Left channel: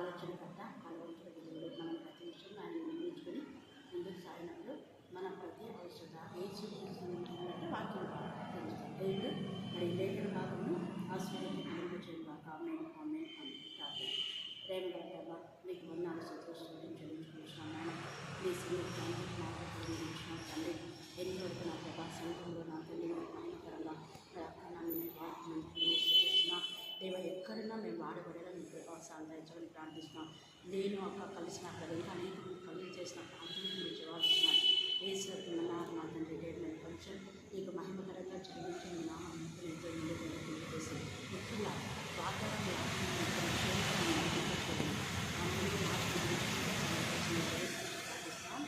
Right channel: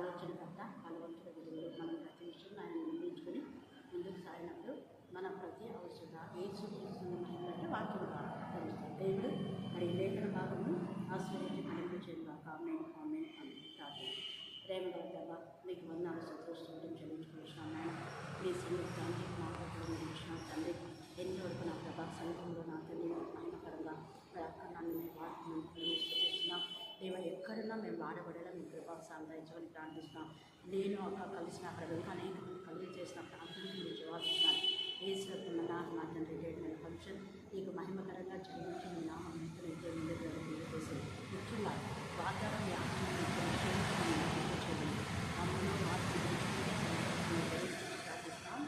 ఆలోచనకర్త బలవంతుల విధులు మనం ప్రతి విషయం ఆయన నిర్ణయించుకొని ముందుకు సాగినప్పుడు మన ప్రతి అవసరత ఏసు సంబంధించినటువంటి వాక్యం ద్వారా తెలుస్తాం. దేవుడు మరి లేఖన భాగమును ఆశీర్వదించి కలుగజేయగా ఆమె ఆమె అని ప్రార్థన. ప్రేమగల ప్రభ మీకు వందనాలు సంతోషం చెల్లించుకుంటున్నాను. నాయన మీ సన్నిధాన్ని మాట్లాడుతూ ఇచ్చిన తండ్రి ఎన్నో వరకు నా ప్రభా సంఘంలో నా తల్లి మహిమకరంగా నన్ను మేము వాడుతున్నాం చేస్తున్నాం. దేవ ఎక్కడున్నా మేము వాడబడేలా మీ ప్రభావ సాందాయించమని ప్రార్థిస్తున్నాం. నేను అక్క కలిసిన అక్కడ వెనుక అనేక మంది కలుగు చేసిన ప్రార్థనకు మీరు జవాబిస్తున్నాను. వేసినప్పుడు మా తండ్రి రేపు ఫంక్షన్ నీకు మహిమకరంగా జరిగించి మీ నామం చేసి ముఖ్యంగా వాతావరణ వ్యాపారం చూడండి అమ్మలో మాట్లాడి ప్రార్థిస్తాం.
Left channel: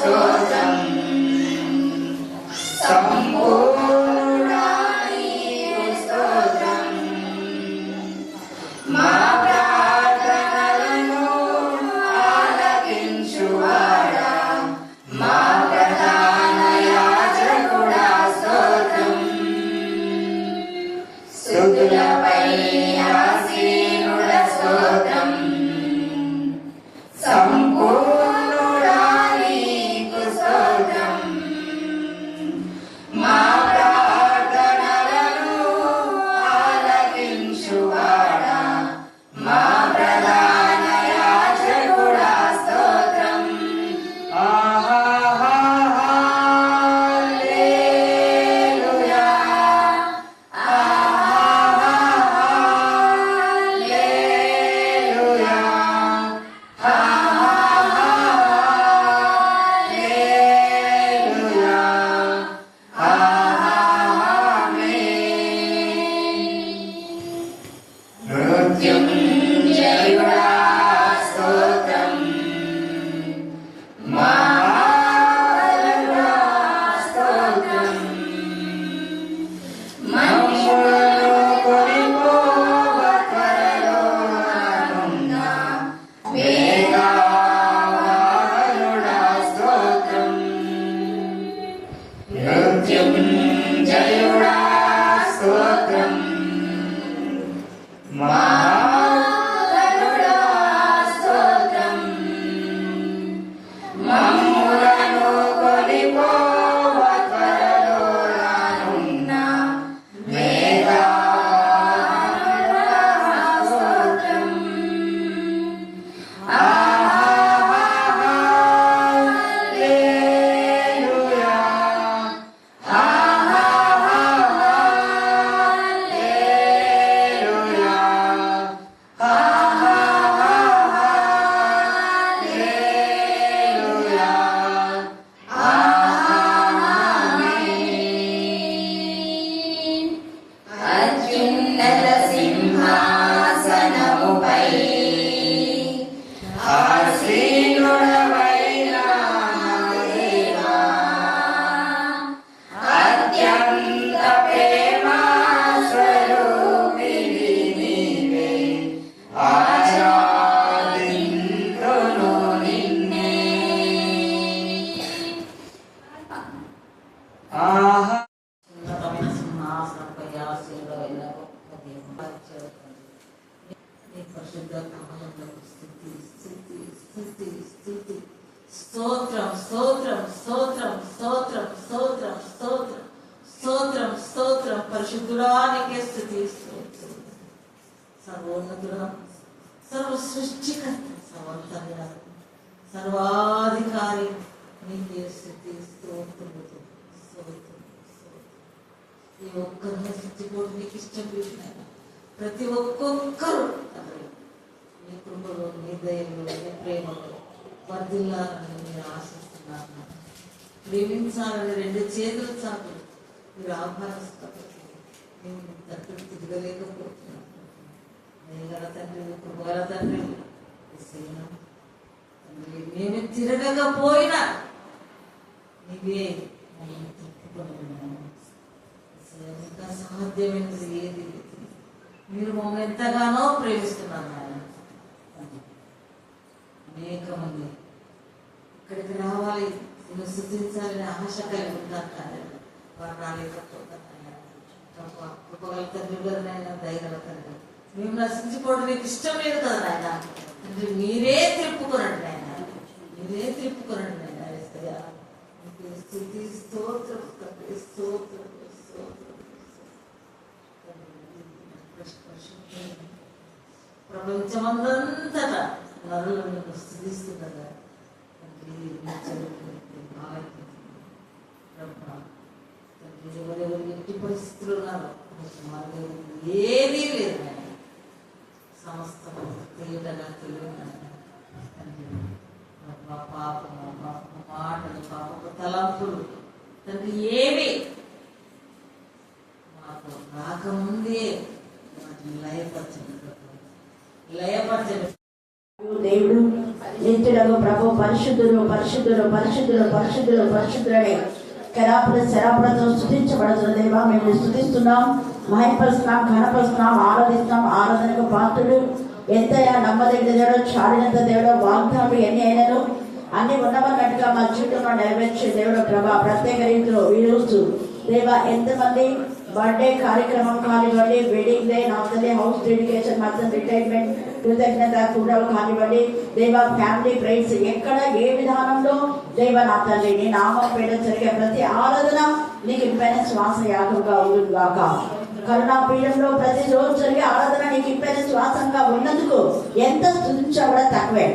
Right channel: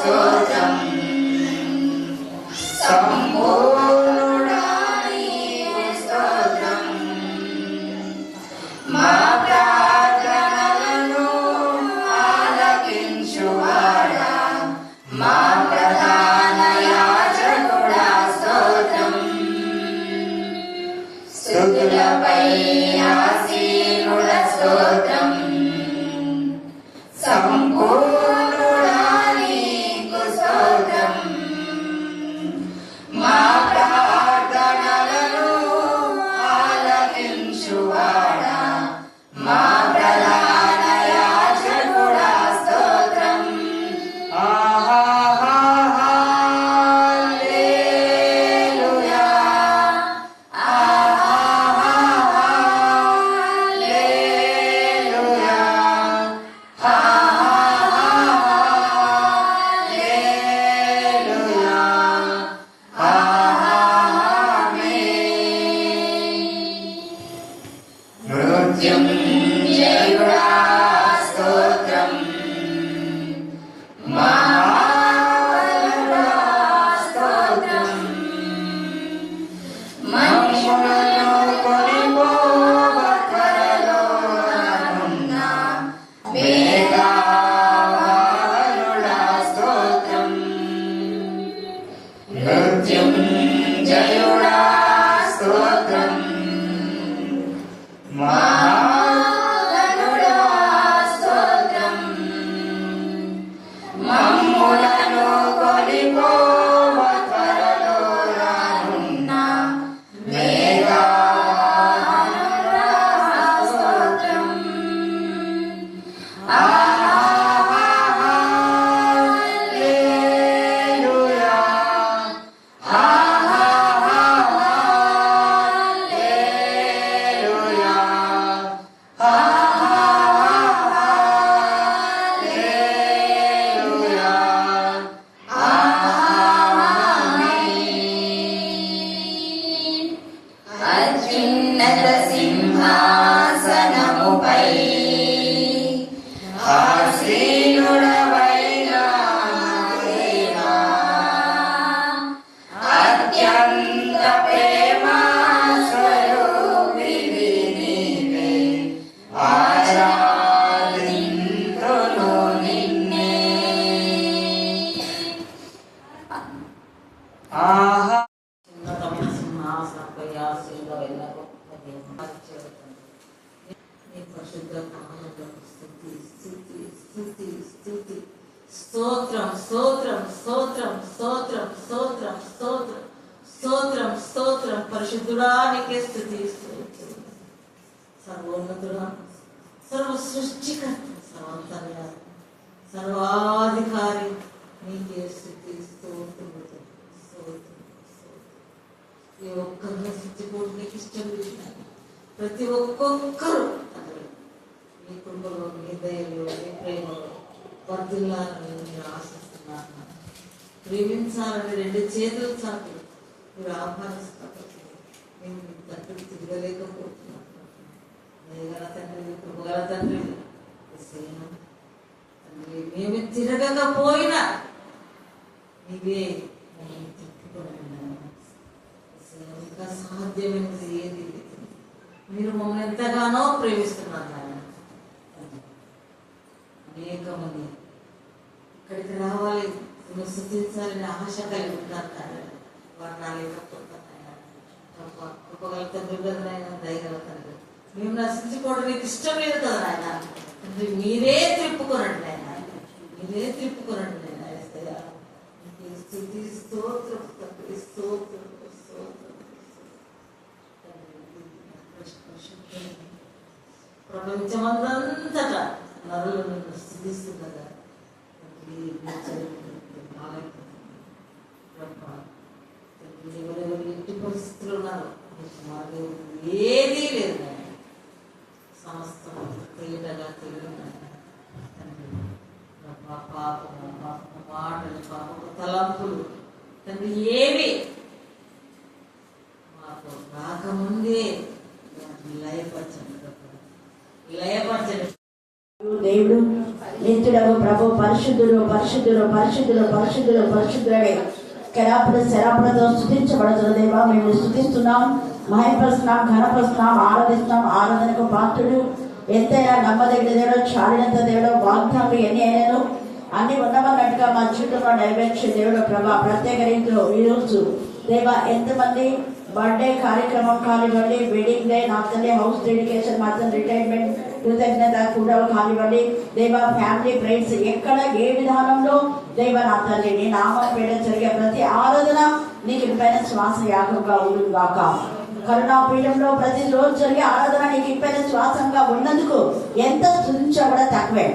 స్తోత్రం సంపూర్ణుడా నీకు స్తోత్రం మా ప్రార్థనలను ఆలకించువాడా మా ప్రధాన యాజకుడా స్తోత్రం స్తుతులపై ఆసీనుడా స్తోత్రం సంపూర్ణుడా నీకు స్తోత్రం మా ప్రార్థనలను ఆలకించువాడా మా ప్రధాన యాజకుడా స్తోత్రం హల్లెలూయా హల్లెలూయా హల్లెలూయా మృత్యుంజయుడా స్తోత్రం మహాబలుడా స్తోత్రం మహిమలను కొనిపోగొట్టలో నానున్న వేగవాహనుడా స్తోత్రం మృత్యుంజయుడా స్తోత్రం మహాబలుడా స్తోత్రం మమ్ములను కొనిపోవత్వరలో రానున్న వేగవాహనుడా స్తోత్రం హల్లెలూయా హల్లెలూయా హల్లెలూయా ఆమేన్ అత్యున్నత సింహాసనముపై ఆసీనుడవైన నా దేవా అత్యంత ప్రేమ స్వరూపిణి నీవే ఆరాధింతును నిన్నే ఆహా సింహాసనంపై ఆశీర్గా వెళ్ళారు నీ పరిశుద్ధ నామమునకు స్తుతి స్తుతి స్తుతి స్తుతి స్తోత్రం స్తోత్రం స్తోత్రం స్తోత్రం స్తోత్రం స్తోత్రం స్తోత్రం స్తోత్రం పరిశుద్ధుడా నీకే స్తుతి స్తోత్రం సర్వోన్నతుడా సర్వ సృష్టికర్త సర్వంతర్య సర్వాధికారి నీకే స్తుతి స్తోత్రం స్తోత్రం ఈ ఒక్కరిని సృష్టిపోటు నీకు ఇష్టం చూసినాను ప్రతి ఒక్కొక్కరు తండ్రి నీ కృపలో నీ దయలో నీ ప్రేమలో వర్ధిల్లాలని మీరు ఆశిస్తున్నాను ప్రేమించాలని రెండు చేతులు చాటు మీరు ఆహ్వానిస్తున్నప్పటికీ నేను దగ్గర తిరగలేకపోతున్నాను దయగల తండ్రి కృపగల తండ్రి తండ్రి మేము తిరగకపోయినా నీవే మమ్మల్ని తిప్పుకొని ఉన్నాను ఇంకా సాధ్యమైనది ఏది లేదు. మీరు మమ్మల్ని ఎంతగానో ప్రేమిస్తున్నారు ఆయన అనేక మంది ఇక్కడికి రావాలి నేను స్థుతించాలని ఆశ కలిగి ఉంటారు కానీ వారు రాలేకపోతారు ఆయన కృపగల తండ్రి కదా ఆయన దయగల తండ్రి మేము నశించుకోవడం మీకు ఇష్టం లేదు కదా ఆయన తండ్రి మీరే తిప్పుకోనండి ఆయన మీరే తిప్పుకోనండి ఆయన ఏసయ్యా. నీకు స్తుతి స్తోత్రం తండ్రి స్తోత్రం స్తోత్రం ప్రపంచమంతటా నరులను స్థుతిస్తున్నదా ఎవరెవరు ఎట్టి పరిస్థితులు ఉన్నారో ఏదీ లేదు సమస్తం తేటగా తెలియదు పాపము మాటలు పాపము తలంపులు తండ్రి ఏవి మాకు రాకముందే వాటిని లయపరచండి దేవుడు నిత్యుడగు ప్రభు పరిశుద్ధులు పరిశుద్ధులు పరిశుద్ధులు పరిశుద్ధులు పరిశుద్ధులే కెరాపుల శరాపులతో స్తుతించబడుతున్న దేవా మేము స్తుతిస్తున్నాం, మహిమపరుస్తున్నాం, ఘనపరుస్తున్నాం, ఆరాధిస్తున్నాం. ఆరాధనకు పాత్రుడు, ఎంతైనా నమ్మదగిన దేవుడు, చాడినంత దేవుడు, వాగ్దానాలు ఎన్ని అయినాను అన్ని ఉండమన్నట్టుగా మా జీవితంలో నెరవేర్చే దేవుడు ప్రభా. ప్రత్యేక రీతిలో ఈ రోజు దేవా ఎంతమంది బర్త్డే కార్యక్రమం కానివ్వండి, వెడ్డింగ్ డే, నా తల్లి హౌస్ డెడికేషన్, మా తల్లి రిటైర్మెంట్ కృతజ్ఞత కూడా కానివ్వండి దేవా, ఫ్యామిలీ ప్రేయర్స్ ఎక్కడ ఏ విధానంలో దేవా నా తల్లి నీ నామం పేడ జరిగే ప్రతి ఆరాధన నీకు ఇంపైన శ్వాస యాగంగా ఉంటుంది గాక. కరుణాపీఠంలో ప్రతి రోజు జరిగే ఆరాధన నీకు ఇంపైన శ్వాసంగా ఉన్నందుకు ఎంత స్తుతించబడ తక్కువే.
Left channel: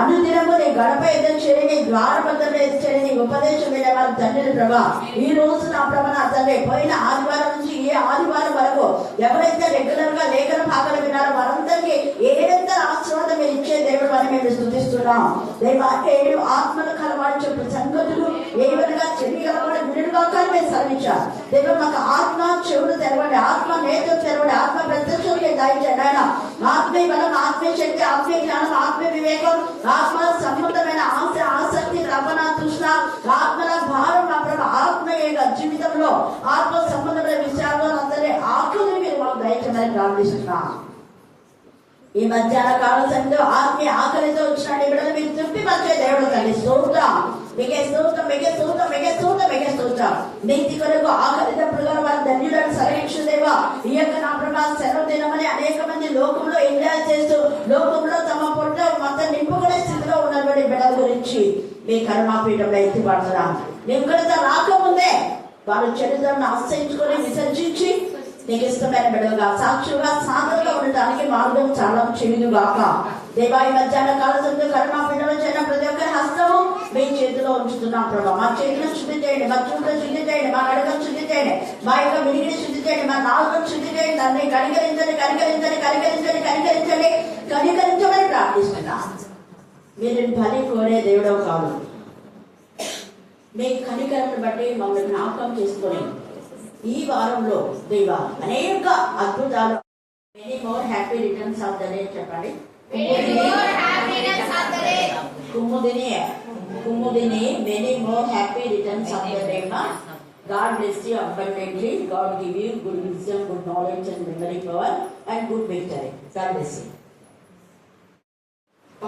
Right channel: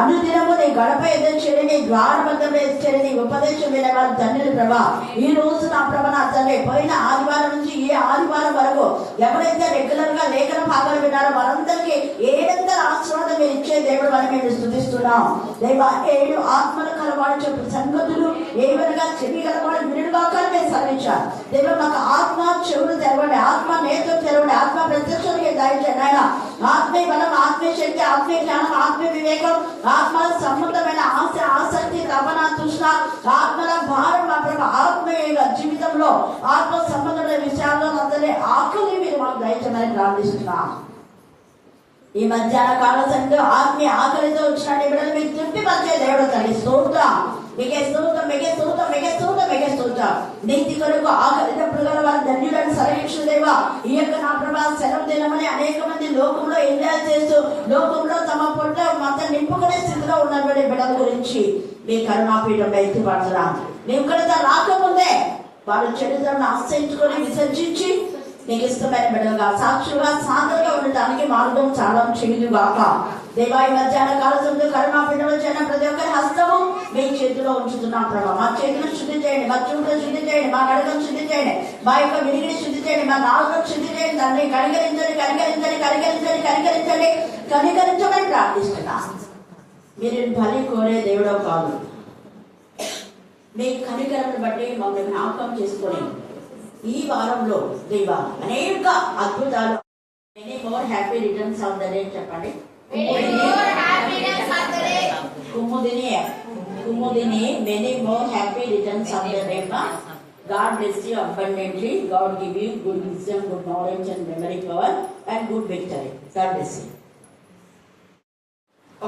అనుదినము నీ గడప ఎదురు చేరి, నీ ద్వారబంధంలో ఎదురు నీ ఉపదేశం వినేవారు తండ్రి ప్రభా. ఈ రోజు నా ప్రభ నా తండ్రి పోయిన ఆదివారం నుంచి ఈ ఆదివారం వరకు ఎవరైతే రెగ్యులర్ గా లేఖన భాగాలు విన్నారో వారందరికీ ఏడంతర ఆశీర్వాదం మీరు ఇచ్చే దేవుడు అని మేము స్థుతిస్తున్నాం. దేవా 7 ఆత్మలు కలవాడు చెప్పు సంగతులు ఏవనగా చెవి కలవాడు వినుడుగా మేము సర్వించాం. దేవ మాకు ఆత్మ చెవులు తెరవండి, ఆత్మ నేత్రం తెరవండి, ఆత్మ ప్రత్యక్షానికి దయచేయండి ఆయన. ఆత్మీయ బలం, ఆత్మీయ శక్తి, ఆత్మీయ జ్ఞానం, ఆత్మీయ వివేకం, ఆత్మల సంబంధమైన ఆశ, ఆసక్తి, తపన, తృష్ణ, ఆత్మల భారం మా ప్రభు ఆత్మీయ జీవితంలో ఆత్మ సంబంధమైన విషయాల్లో అందరి ఆకలి మీరు మాకు దయచేయాలని ప్రార్థిస్తున్నాం. ఈ మధ్యాహ్న కాల సమయంలో ఆత్మీయ ఆకలితో వచ్చిన బిడ్డలు మీకు తృప్తి పరిచే దేవుడు తల్లి స్తోత్రం. మీకే స్తోత్రం, మీకే స్తోత్రం, మీకే స్తోత్రం, మీకే స్తోత్రం. నీతి కొరకు ఆకలినప్పుడు గల వారి ధన్యుడని సర్వేక్షదేవా. ఈ యొక్క నా ప్రభా సెలవు దినమని అనేక మంది లోకంలో ఎంజాయ్ చేస్తూ లోకంలో తమ పొట్ట మొత్తం నింపుకునే స్థితిలో ఉన్నటువంటి బిడ్డల గురించి మీ కరుణాపీఠంలో ఎత్తిపడుతున్నాం. నీ ఉగ్రత రాకముందే వారు చరిత్రను ఆశ్రయించుకొని విసర్జించి నీకు ఇష్టమైన బిడ్డలుగా సాక్షులుగా సాధనగా ఉండటానికి మార్గం చాలా చెవిదుగాక. దేవా ఈ మధ్యాహ్న కాలంలో కరుణాపీఠంలో చేరిన ప్రతి ఒక్కరి హస్తము మీ చేతిలో ఉంచుతున్నాం ప్రభావ. మా చేతులను శుద్ధి చేయండి, మా చూపులను శుద్ధి చేయండి, మా నడకను శుద్ధి చేయండి, మా యొక్క వినికిని శుద్ధి చేయండి, మా నాలుకను శుద్ధి చేయండి. దాన్ని కనికరించండి, కనికరించండి, కనికరించండి, కనికరించండి, కనికరించమని ప్రార్థిస్తున్నా. మీరు బలి కోరే దేవుడో కాదు, మీ కనికరను బట్టి మమ్మల్ని జ్ఞాపకం చేసుకొని ఈ వారంలో దేవా అనేక అద్భుతాలు. Many more happy returns of the day చెప్పండి. Kumudini many more happy returns of the day. God bless you abundantly. God give you good wisdom, good knowledge and memory power and good victory. God bless you.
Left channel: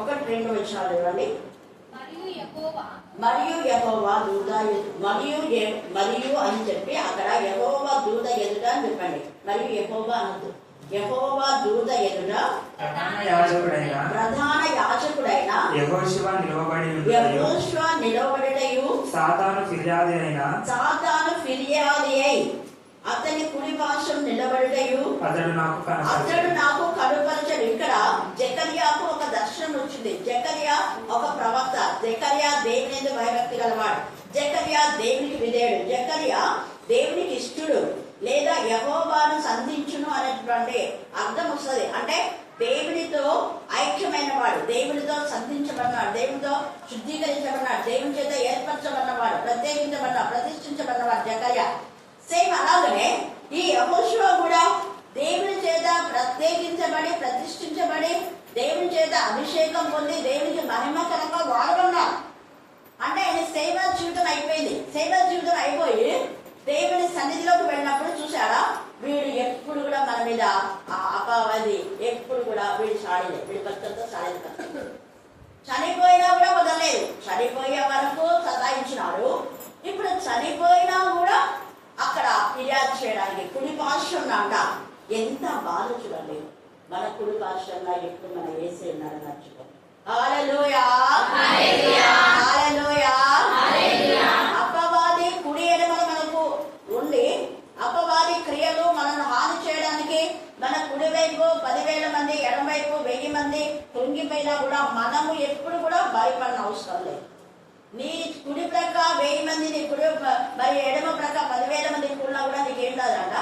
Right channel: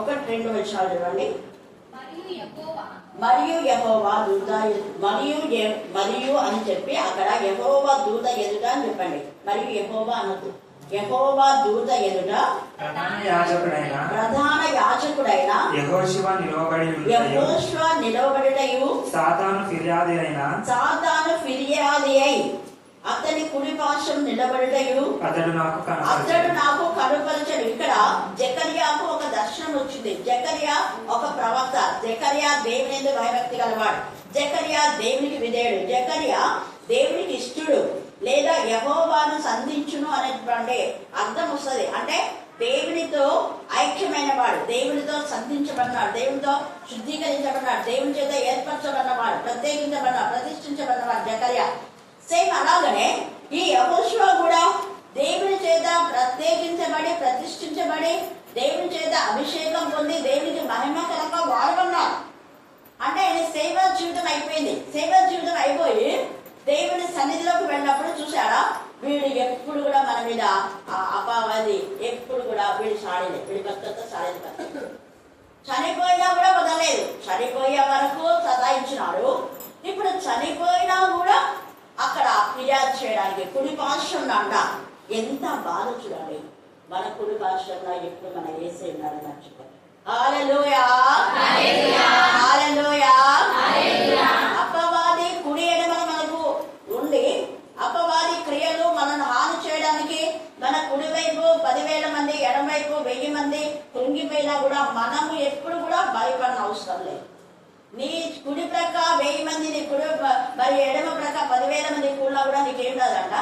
ఒక 2 విషయాలు ఇవ్వండి. మరియు యెహోవా దూత మరియు అని చెప్పి అక్కడ యెహోవా దూత ఎదుట అని చెప్పండి. మరియు యెహోవా అనొద్దు, యెహోవా దూత ఎదుట ప్రధాన యాజకుడైన యెహోషువ నిలవబడుటయు సాతాను ఫిర్యాది అయి అతని కుడి పార్శ్వం నిలబడుటయు అతడు నాకు కనుపరచడు. ఇక్కడ జకర్యాకు ఒక దర్శనం వచ్చింది. జకర్యా ఒక ప్రవక్త. జకర్యా దేవుని యందు భయభక్తి గలవాడు. జకర్యా దేవునికి విధేయుడు. జకర్యా దేవునికి ఇష్టడు లేదా యెహోవాను సంధించును అనేటువంటి అర్థం వస్తుంది. అంటే దేవునితో ఐక్యమైన వాడు, దేవునితో సంధించబడినాడు, దేవునితో శుద్ధీకరించబడినాడు, దేవుని చేత ఏర్పరచబడినవాడు, ప్రత్యేకించబడిన ప్రతిష్ఠించబడినవాడు జకర్యా. సేమ్ అలాగనే ఈ యెహోషువ కూడా దేవుని చేత ప్రత్యేకించబడి ప్రతిష్ఠించబడి దేవుని చేత అభిషేకం పొంది దేవునికి మహిమకరంగా వాడబడినాడు. అంటే ఆయన సేవ జీవితం అయిపోయింది. సేవ జీవితం అయిపోయి దేవుని సన్నిధిలోకి వెళ్ళినప్పుడు చూసారా, వీడు ఎప్పుడు కూడా మన మీద అపావది, ఎప్పుడు కూడా వీడు సాడలేదు, వీడి భక్తులతో సాడలేదు. చనిపోయినా కూడా వదలలేదు. చనిపోయే వరకు సతాయించినాడు. ఇప్పుడు చనిపోయినా కూడా అక్కడ ఫిర్యాదు చేయడానికి కుడి పార్శ్వం అంట. ఎంత బాధ చూడాలి. మన కుడి పార్శ్వంలో ఎప్పుడు మన వేసే ఉన్నాడు మర్చిపో. హల్లెలూయా, హల్లెలూయా. అపవాది కుడి ఎడమ మనకు ఉండి అపవాది క్రియలు మనల్ని హాని చేయడానికి మన కుడి వైపు 10,000 మంది, ఎడమ వైపు 1000 మంది కృంగిపోయినా కూడా మనము ఎప్పుడు కూడా భయపడిన అవసరం లేదు. నీ కుడి ప్రక్క 1000 మంది, నీ కుడి మరి ఎడమ ప్రక్క 10,000 మంది కూడినా కూడా నీకేం కాదంట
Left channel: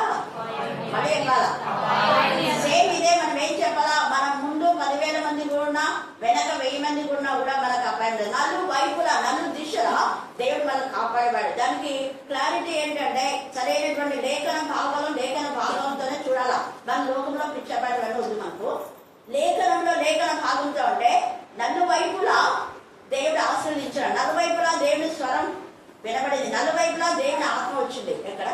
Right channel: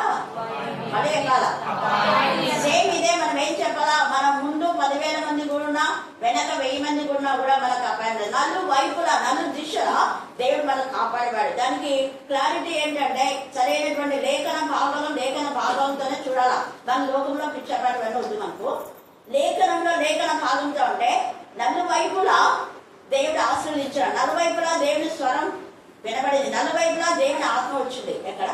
పడే కాల. సేమ్ ఇదే మనం ఏం చెప్పాలా, మనం ముందు 10,000 మంది కూడినా వెనక 1000 మంది కూడినా కూడా మనకు అపాయింట్. నలుగు వైపులా 4 దిశలా దేవుడు మనకు కాపాడేవాడు. దానికి క్లారిటీ ఏంటంటే సరైనటువంటి లేఖన భాగంతోనే చూడాలా. మన లోకంలో పిచ్చపాటి వల్ల వద్దు. మనకు లేఖన భాగంతో అంటే నలువైపులా దేవుడు ఆశీర్వదించాడు, నలువైపులా దేవుని స్వరం వినబడింది, నలువైపులా దేవుని ఆత్మ వచ్చింది. ఎక్కడ?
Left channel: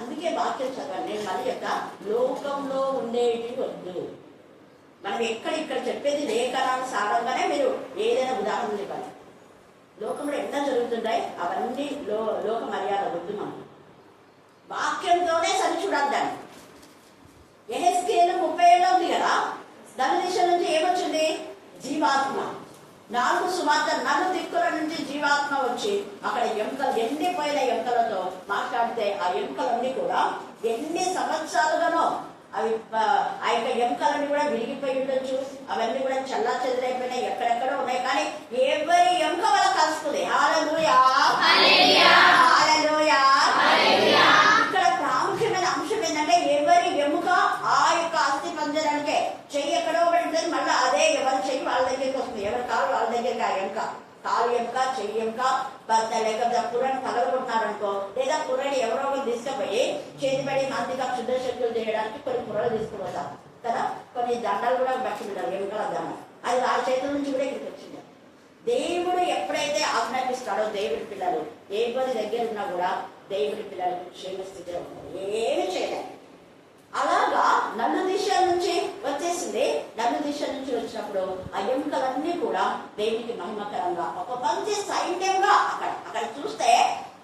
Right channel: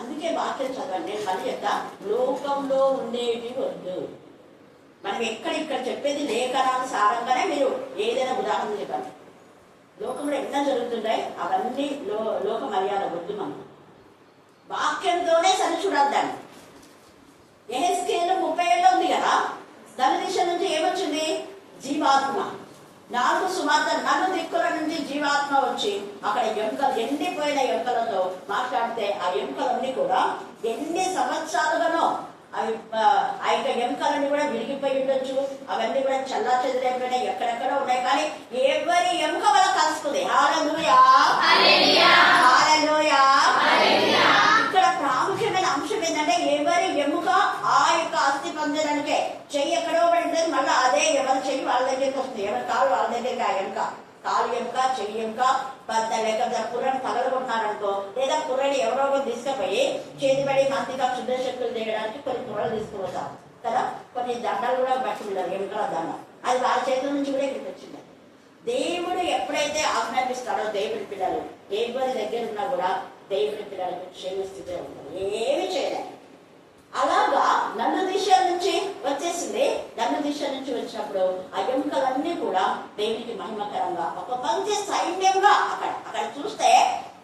అందుకే వాక్యం చదవండి. నేను మళ్ళీ చెప్తా, లోకంలో ఉండేటి వద్దు. మనం ఇక్కడ చెప్పేది లేఖనానుసారంగానే మీరు ఏదైనా ఉదాహరణ ఇవ్వాలి. లోకంలో ఎన్నో జరుగుతుంటాయి, అవన్నీ లోక మర్యాద వద్దు. మనం వాక్యంతోనే సరి చూడాలి. దాన్ని ఎహెజ్కేలు 30 ఉంది కదా, దాని దిశ నుంచి ఏమొచ్చింది? జీవాత్మ. 4 సుమార్త 4 దిక్కుల నుంచి జీవాత్మ వచ్చి అక్కడ ఎముకలు, ఎండిపోయిన ఎముకలతో మాట్లాడితే ఆ ఎముకలన్నీ కూడా ఎన్ని సంవత్సరాలుగానో అవి ఆ యొక్క ఎముకలన్నీ కూడా విరిగిపోయి ఉండొచ్చు, అవన్నీ కూడా చల్లా చెదిరైపోయినాయి, ఎక్కడెక్కడ ఉన్నాయి. కానీ ఎవరి ఎముక వల్ల కలుస్తుంది. హల్లెలూయా, హల్లెలూయా. ఇక్కడ ప్రాముఖ్యమైన అంశం ఏంటంటే ఎవరి ఎముక ఆ యొక్క అస్థి పంజరానికే. చెయ్యి ఎక్కడో పడి ఉంటుంది, మళ్ళీ అదే ఎవరి చెయ్యి వాళ్ళ దగ్గరికి వస్తుంది, ఎవరి కాలు వాళ్ళ దగ్గరికి. ఆ ఎముక, కాలు ఎముక, చెయ్యి ఎముక, లేకపోతే పుర్రని పగలగొట్టినారనుకో, లేదా పుర్రని ఎవరో ఒకరు తీసుకుపోయి చేతిపడి మందిగా శుద్ధ శక్తులు చేయడానికి కొన్ని పుర్రలు తీసుకుపోతారు కదా. కొన్ని దండాలు కూడా పట్టిండారు, ఎముకల దండం. అది వాళ్ళ చేతుల నుంచి కూడా ఇక్కడికి వచ్చింది. దేవుడు ఎప్పుడైతే ఆజ్ఞాపిస్తాడో దేవుడి పిల్లలు ఎవరి దగ్గర ఉన్నా కూడా దేవుడి పిల్లలకు క్షేమ స్థితిలో ఉంటారు, ఏమి చేయలేదు. అలాగా నన్ను దిశల నుంచి వచ్చేసింది. నన్ను దిశల నుంచి వచ్చినప్పుడు ఆ ఎముకలన్నీ కూడా దేవునికి మహిమకరంగా ఒక మంచి సైన్యంగా అక్కడ చూస్తే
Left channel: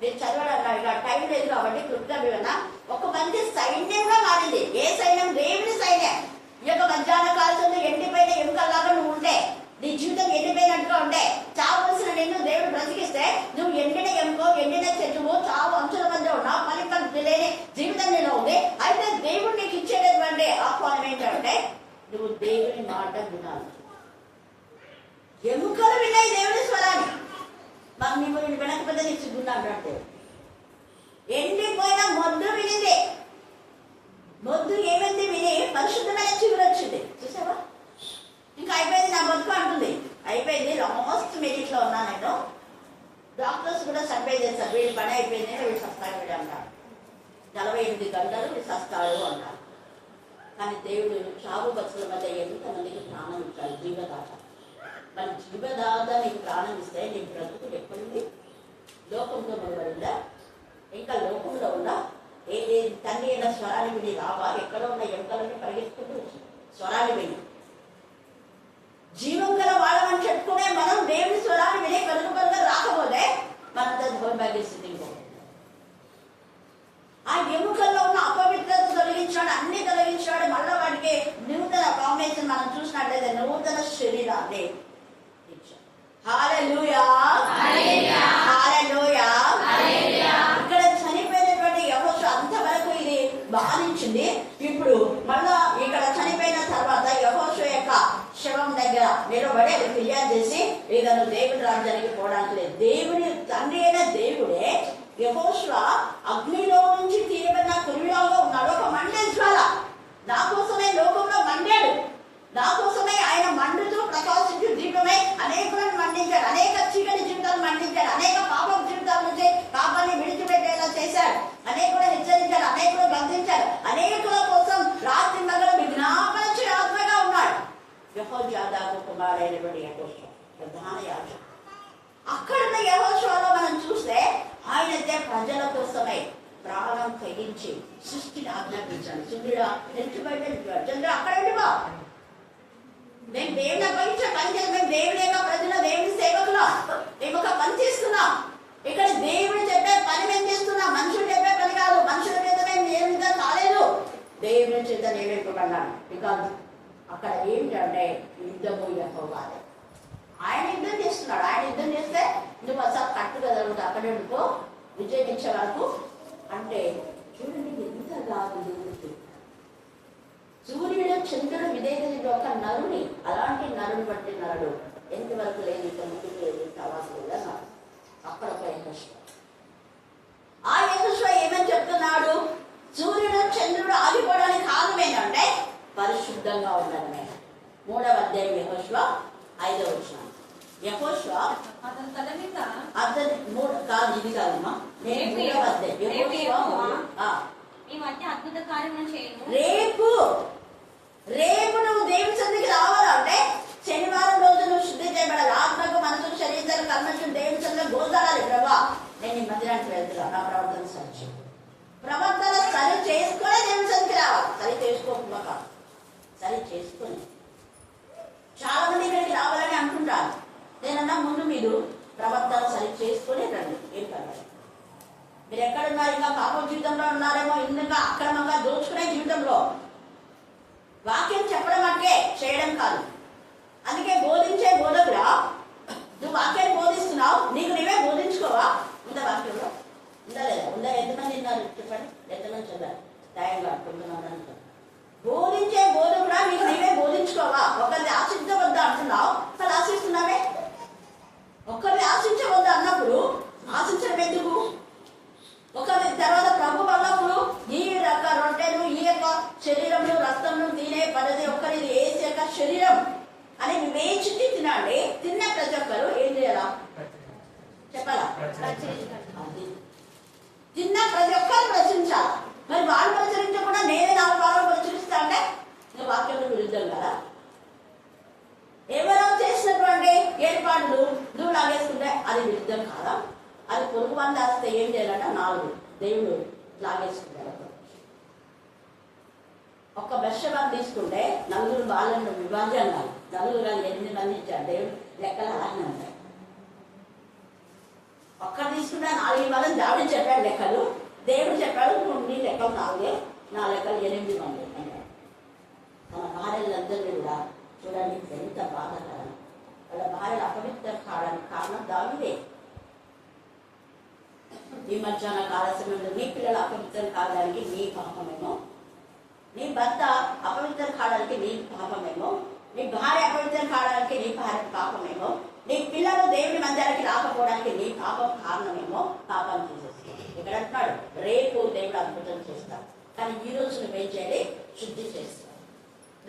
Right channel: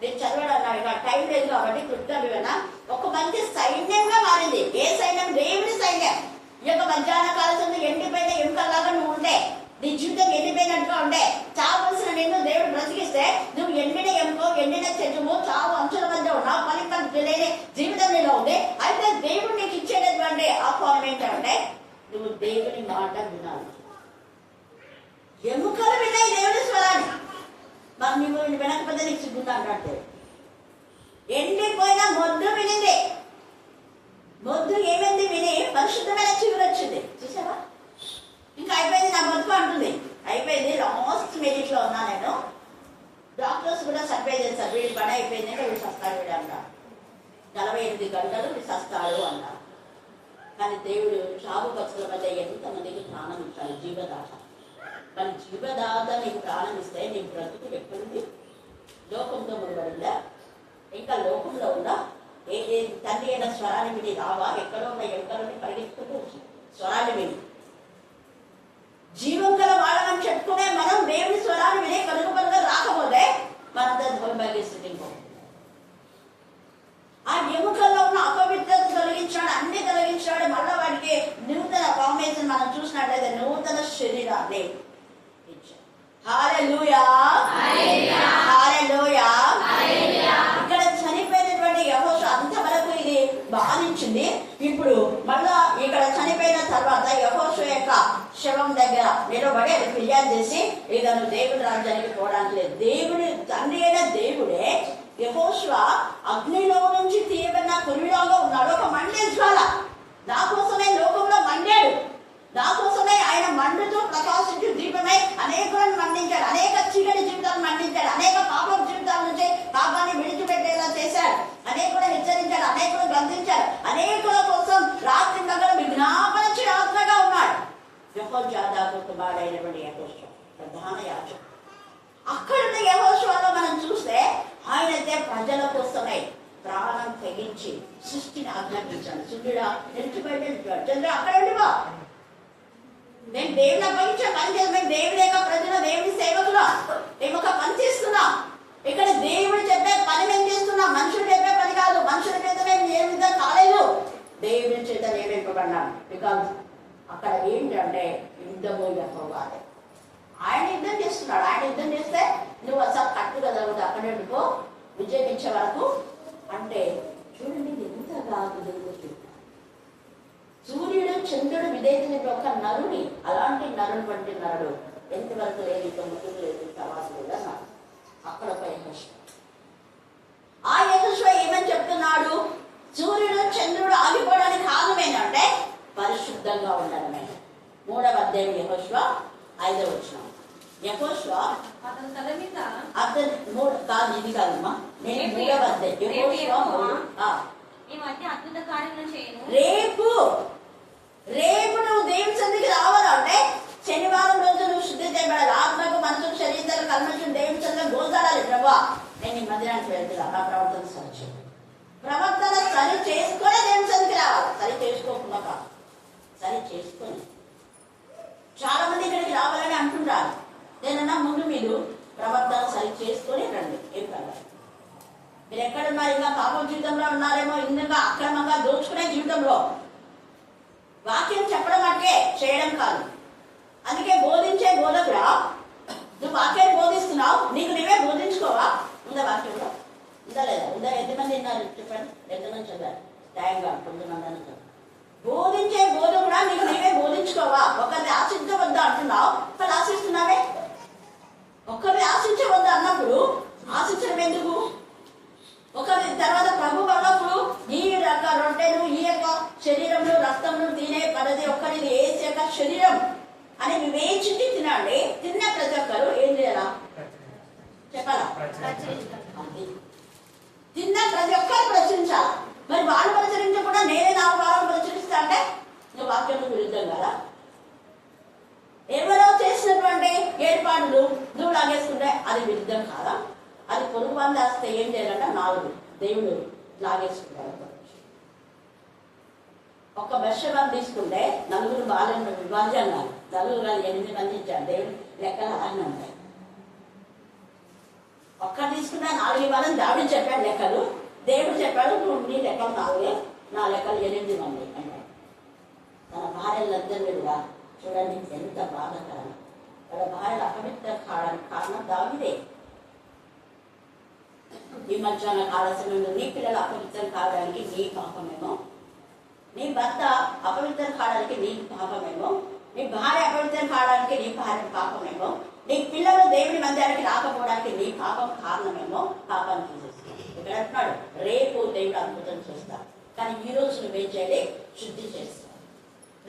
నేను చదవడానికి టైం లేదు కాబట్టి కృప్గా వివరణ. ఒక మంచి సైన్యంగా మారింది. ఏ సైన్యం? దేవుని సైన్యం. ఈ యొక్క మధ్యాహ్న కాలంలో ఎండిపోయిన ఎముకల్లాగా నువ్వు ఉంటే, నీ జీవితం ఎండిపోయినట్టుగా ఉంటే, చావలసిన నిన్ను దేవుడు బ్రతికిస్తే నువ్వు ఎండిన ఎముకో, ఎండిన చెట్టువు, చావు అంచుల మధ్య ఉన్నావు, పని లేని జీవితం నీలో ఉంది. అయితే దేవుడు నీకు ఇచ్చేటటువంటి ఆహ్వానం ఏంటంటే నువ్వు దేవుని మాట వినాలి. ఎముకలు విన్నాయి దేవుని స్వరాన్ని. మరి నువ్వు వినకపోతే నీకు సిగ్గుండా అంటాడు. ఎండిపోయిన మొద్దు వినింది. మొద్దు ఏమైంది? విని పరిశుద్ధమైన చిగురు వచ్చింది. చూసావా? ఇంకా అయిపోయింది నా బతుకు అంటుంది. అయిపోయింది, లాస్ట్ మినిట్ లో ఉన్నా నేను. డాక్టర్స్ కూడా సర్వే చేస్తారు, వీడి పని అయిపోయింది, వీడు సస్తాడు వీడు అన్నారు. 48 గంటలు వీడు సస్తాడు అన్నారు. కానీ దేవుడు చావు బతుకుల మధ్య ఎంతమందికి ప్రాణం ఇచ్చాడు, జీవదాత. మన జీవదాత నీకు ప్రాణం ఇస్తే నీ బ్రతుకు ఎక్కడుంది? లోకంతో ముడిపడిందా? ఇంకా లోకంలో ఉందా? ఏ తండ్రి అయిన స్వరాన్ని విని రావా? ఎక్కడో ఉన్న ఎముకలని పరిగెత్తుకుంటూ వచ్చింది స్వరాన్ని విని. జీవం గల వాళ్ళని చెప్పుకునే మనం దేవుని స్వరాన్ని వినే కలుగుబడిగా రాకపోతే మనంతా దౌర్భాగ్య స్థితికి పోతుంది. ఆ ఎముకల్లో ఉన్న అపవిత్రత తొలగించాడు, అన్ని తొలగించాడు. మళ్ళీ వాడికి నూతన ఫార్మేషన్ మనం చూసినట్లయితే నూతన శరీరాన్ని ఇచ్చాడు. హల్లెలూయా, హల్లెలూయా. ఇక్కడ చనిపోయినటువంటి యెహోషువ అంతవరకు ఇది బాధించింది. ఇప్పుడు మళ్ళా ఇక్కడ చనిపోయిన తర్వాత యెహోషువ యొక్క శవం దగ్గర నిలబడి అది ఫిర్యాదు చేసి ఇతను దేవుడి రాజ్యానికి పోవడానికి లేదు. దేవుడి తండ్రి అయిన దేవుడే యెహోషువ అగ్నిలో నుంచి తీయబడిన కురిలాగా ఉన్నాడు. ఒక మండే జ్వాల. నా కోసమే లోకంలో మండాడు, నా కోసమే ఆయన మండుతూ ప్రకాశించు దీపమై అనేకులను మండించాడు, అనేక చీకటి జీవితాలను మండించాడు, అనేక పాప జీవితాల నుంచి పాపాన్ని విడిచిపెట్టేలా చేశాడు, అనేకులను హెచ్చరించాడు, అనేకులను బంధించాడు, అనేకుల కోసం రాత్రి నగరం విజ్ఞాపన ఆత్మగా ఉన్నాడు. యెహోయాదాకు కుమారుడైనటువంటి యెహోషువ ప్రధాన యాజకుడు. అక్కడున్న యెహోషువలో మనం చూస్తే ఆయనైతే ప్రజల కోసమే ప్రాణం తెగించి సృష్టిని ఆజ్ఞాపించాడు. సూర్యుడా నిలిచి బయట చంద్రుడు అక్కడ ఉండిపో, మేము దేవుని అప్పగించే పని చేస్తాం, మేము దేవుని యొక్క ప్రజలు, దేవుని సేవకులు, మేము ఒక పని చేస్తున్నాం. ఇక్కడ దేవుడు చెప్పే పని మేము చేస్తున్నాం, మనుషులు చెప్పే పని కాదు. మనుషుల చేత మేము నియమితం కాలేదు, దేవుని చేత నియమింపబడ్డాను. బికాజ్ అక్కడ ఏంటంటే యుద్ధము యెహోవాదే. ఆయన యుద్ధం చేస్తున్నాడు. ఆయన యుద్ధం చేస్తే నువ్వు అసలు కట్టుగలుగుతావు, అక్కడే ఉండుకో విజయం ఇచ్చే వరకు. అంటే చూడండి ఎంతగా విధేయత. సూర్యుడు చంద్రుడు విధేయత ఒక నరుని, అలాంటి నరుని బట్టి నరుడు ఎంతవరకు లేదు, ఇంత ముందుకు లేదు, తవాసు కూడా నాకు అక్కడ ఒక యెహోషువ. ఆ యెహోషువ ఏమని చెప్తున్నాడు? సూర్యుడు చంద్రుడు ఆగిపోవడానికి కారణం ఏంటంటే పరిశుద్ధంగా ఉండడమే. 3వ అధ్యాయం యెహోషువ 5వ వచనం. యెహోషువ అతని తల మీద అతని కాదు, ఇది కాదమ్మా, నేను 3వ అధ్యాయం యెహోషువ ఈ మధ్య అద్భుత కార్యములు చేయను. రేపు రేపు నువ్వు దేవుని సన్నిధికి రావాలంటే శనివారం రోజు నువ్వు శుద్ధి చేయబడాలి. ఆత్మకు మనసుకు శరీరం కల్మషం దేవుని సన్నిధిలో గోచారాలి. ప్రభా నేను ఈ మందిరానికి వెళ్తున్నా, నా ప్రవర్తన సరి చేయి. ప్రవర్తన సరి చేసుకునే దేవుని సన్నిధికి రావాలి. సరి చేసుకోకుండా కాదు, సరి చేసుకొని. చాలా మంది ఇక్కడికి రావాలని అంటుంటారు. నేనన్నా ముందు మీరు ప్రవర్తన సరి చేసుకొని రండి, ఏం పర్వాలేదు. మీరు ఎక్కడున్నారు? ఇంకా పాపం జీవితంలో ఉన్నారేమో, ఇంకా అక్రమంగా దోచుకునే జీవితంలో. వాక్యం చెప్పడం అంటే చేయడం కాదు. అందుకే బోధించే బోధకుడా, నువ్వు వాక్యాన్ని బోధిస్తున్నావు, నీకు నీవే బోధించుకోవా? ఉందా వాక్యంలో? ఉందా లేదా? ఉందా? ఎంతమంది ఉన్నారు చెప్పండి, ఎంతమంది చదివారు? న్యాయంగా కొంతమంది. బోధించే బోధకుడా, నీకు నీవే బోధించుకోవా? ఒకరిని ఆశించవద్దా అంటున్నావు, వాళ్ళు ఆశిస్తున్నావే. ఒకరిని ఆశించవద్దా అన్నప్పుడు ఆశించడం ఎందుకు? ఒకరి తర్వాత ప్రభు అన్నప్పుడు ఈ యొక్క రొట్టెలు, ఈ యొక్క శరీరంలో రక్తంలో తినే పద్ధతి ఒక్కరి ఏసు యొక్క శరీరం అని వివేచించి తినండి. తిన్న ప్రతి ఒక్కరు ఏం చేయాలా చెప్పాలా? తిన్న ప్రతి ఒక్కరు ప్రచురించాలి. మరి వాళ్ళు ప్రచురించకుండా నేనే 4 వారాలు ప్రచురిస్తా అంటే నువ్వు వాక్యం విరుద్ధం కదా. ఎవరో చేసినటువంటి ఏర్పాట్లు నువ్వు లాగేసుకుంటే అది విరుద్ధం కాదా? అది పొరుగు వాళ్ళు వేస్తే ఏం చేయాలంటే 4 దేవుడు లాగేసుకుంటారు. ఒక్క బెర్షెబాను తీసుకుంటే 4 బాలను విభాజన, 4 కాదు 8 మంది ఇచ్చారు. దేవుడు లెక్కలు అలానే ఉంటాయి. ఒక్కరు తీసుకుంటే 4 వాళ్ళని దావిడు చెప్పాడు లెక్కలు. దేవుడు చెప్పాడు నీ లెక్కలు 4, నా లెక్కలు 8 మంది అంటాడు. తన భార్యలందరినీ కూడా చూడండి ఎంత బాధాకరం. వాళ్ళ భార్యలు అపవిత్రం కావడానికి కారణం దావిదే. ఈ మధ్యాహ్న కాల సమయంలో నీ పిల్లలు అపవిత్రం కావడానికి నీ పాపమేమో, నీ భర్త అపవిత్రం కావడానికి నీ పాపమేమో, నీ భార్య అపవిత్రం కావడానికి నీ భార్య పాపమేమో, నీ పిల్లలు దేవుని మందిరానికి రాకపోవడానికి నీ పాపం కారణమేమో. పాపం తీసేస్తాడు. ఇక్కడ అంటున్నాడు రేపు దేవుడు అద్భుతం చేస్తాడు, కానీ ఈ రోజు నువ్వేం చేయాలి? శుద్ధి చేస్తాడు.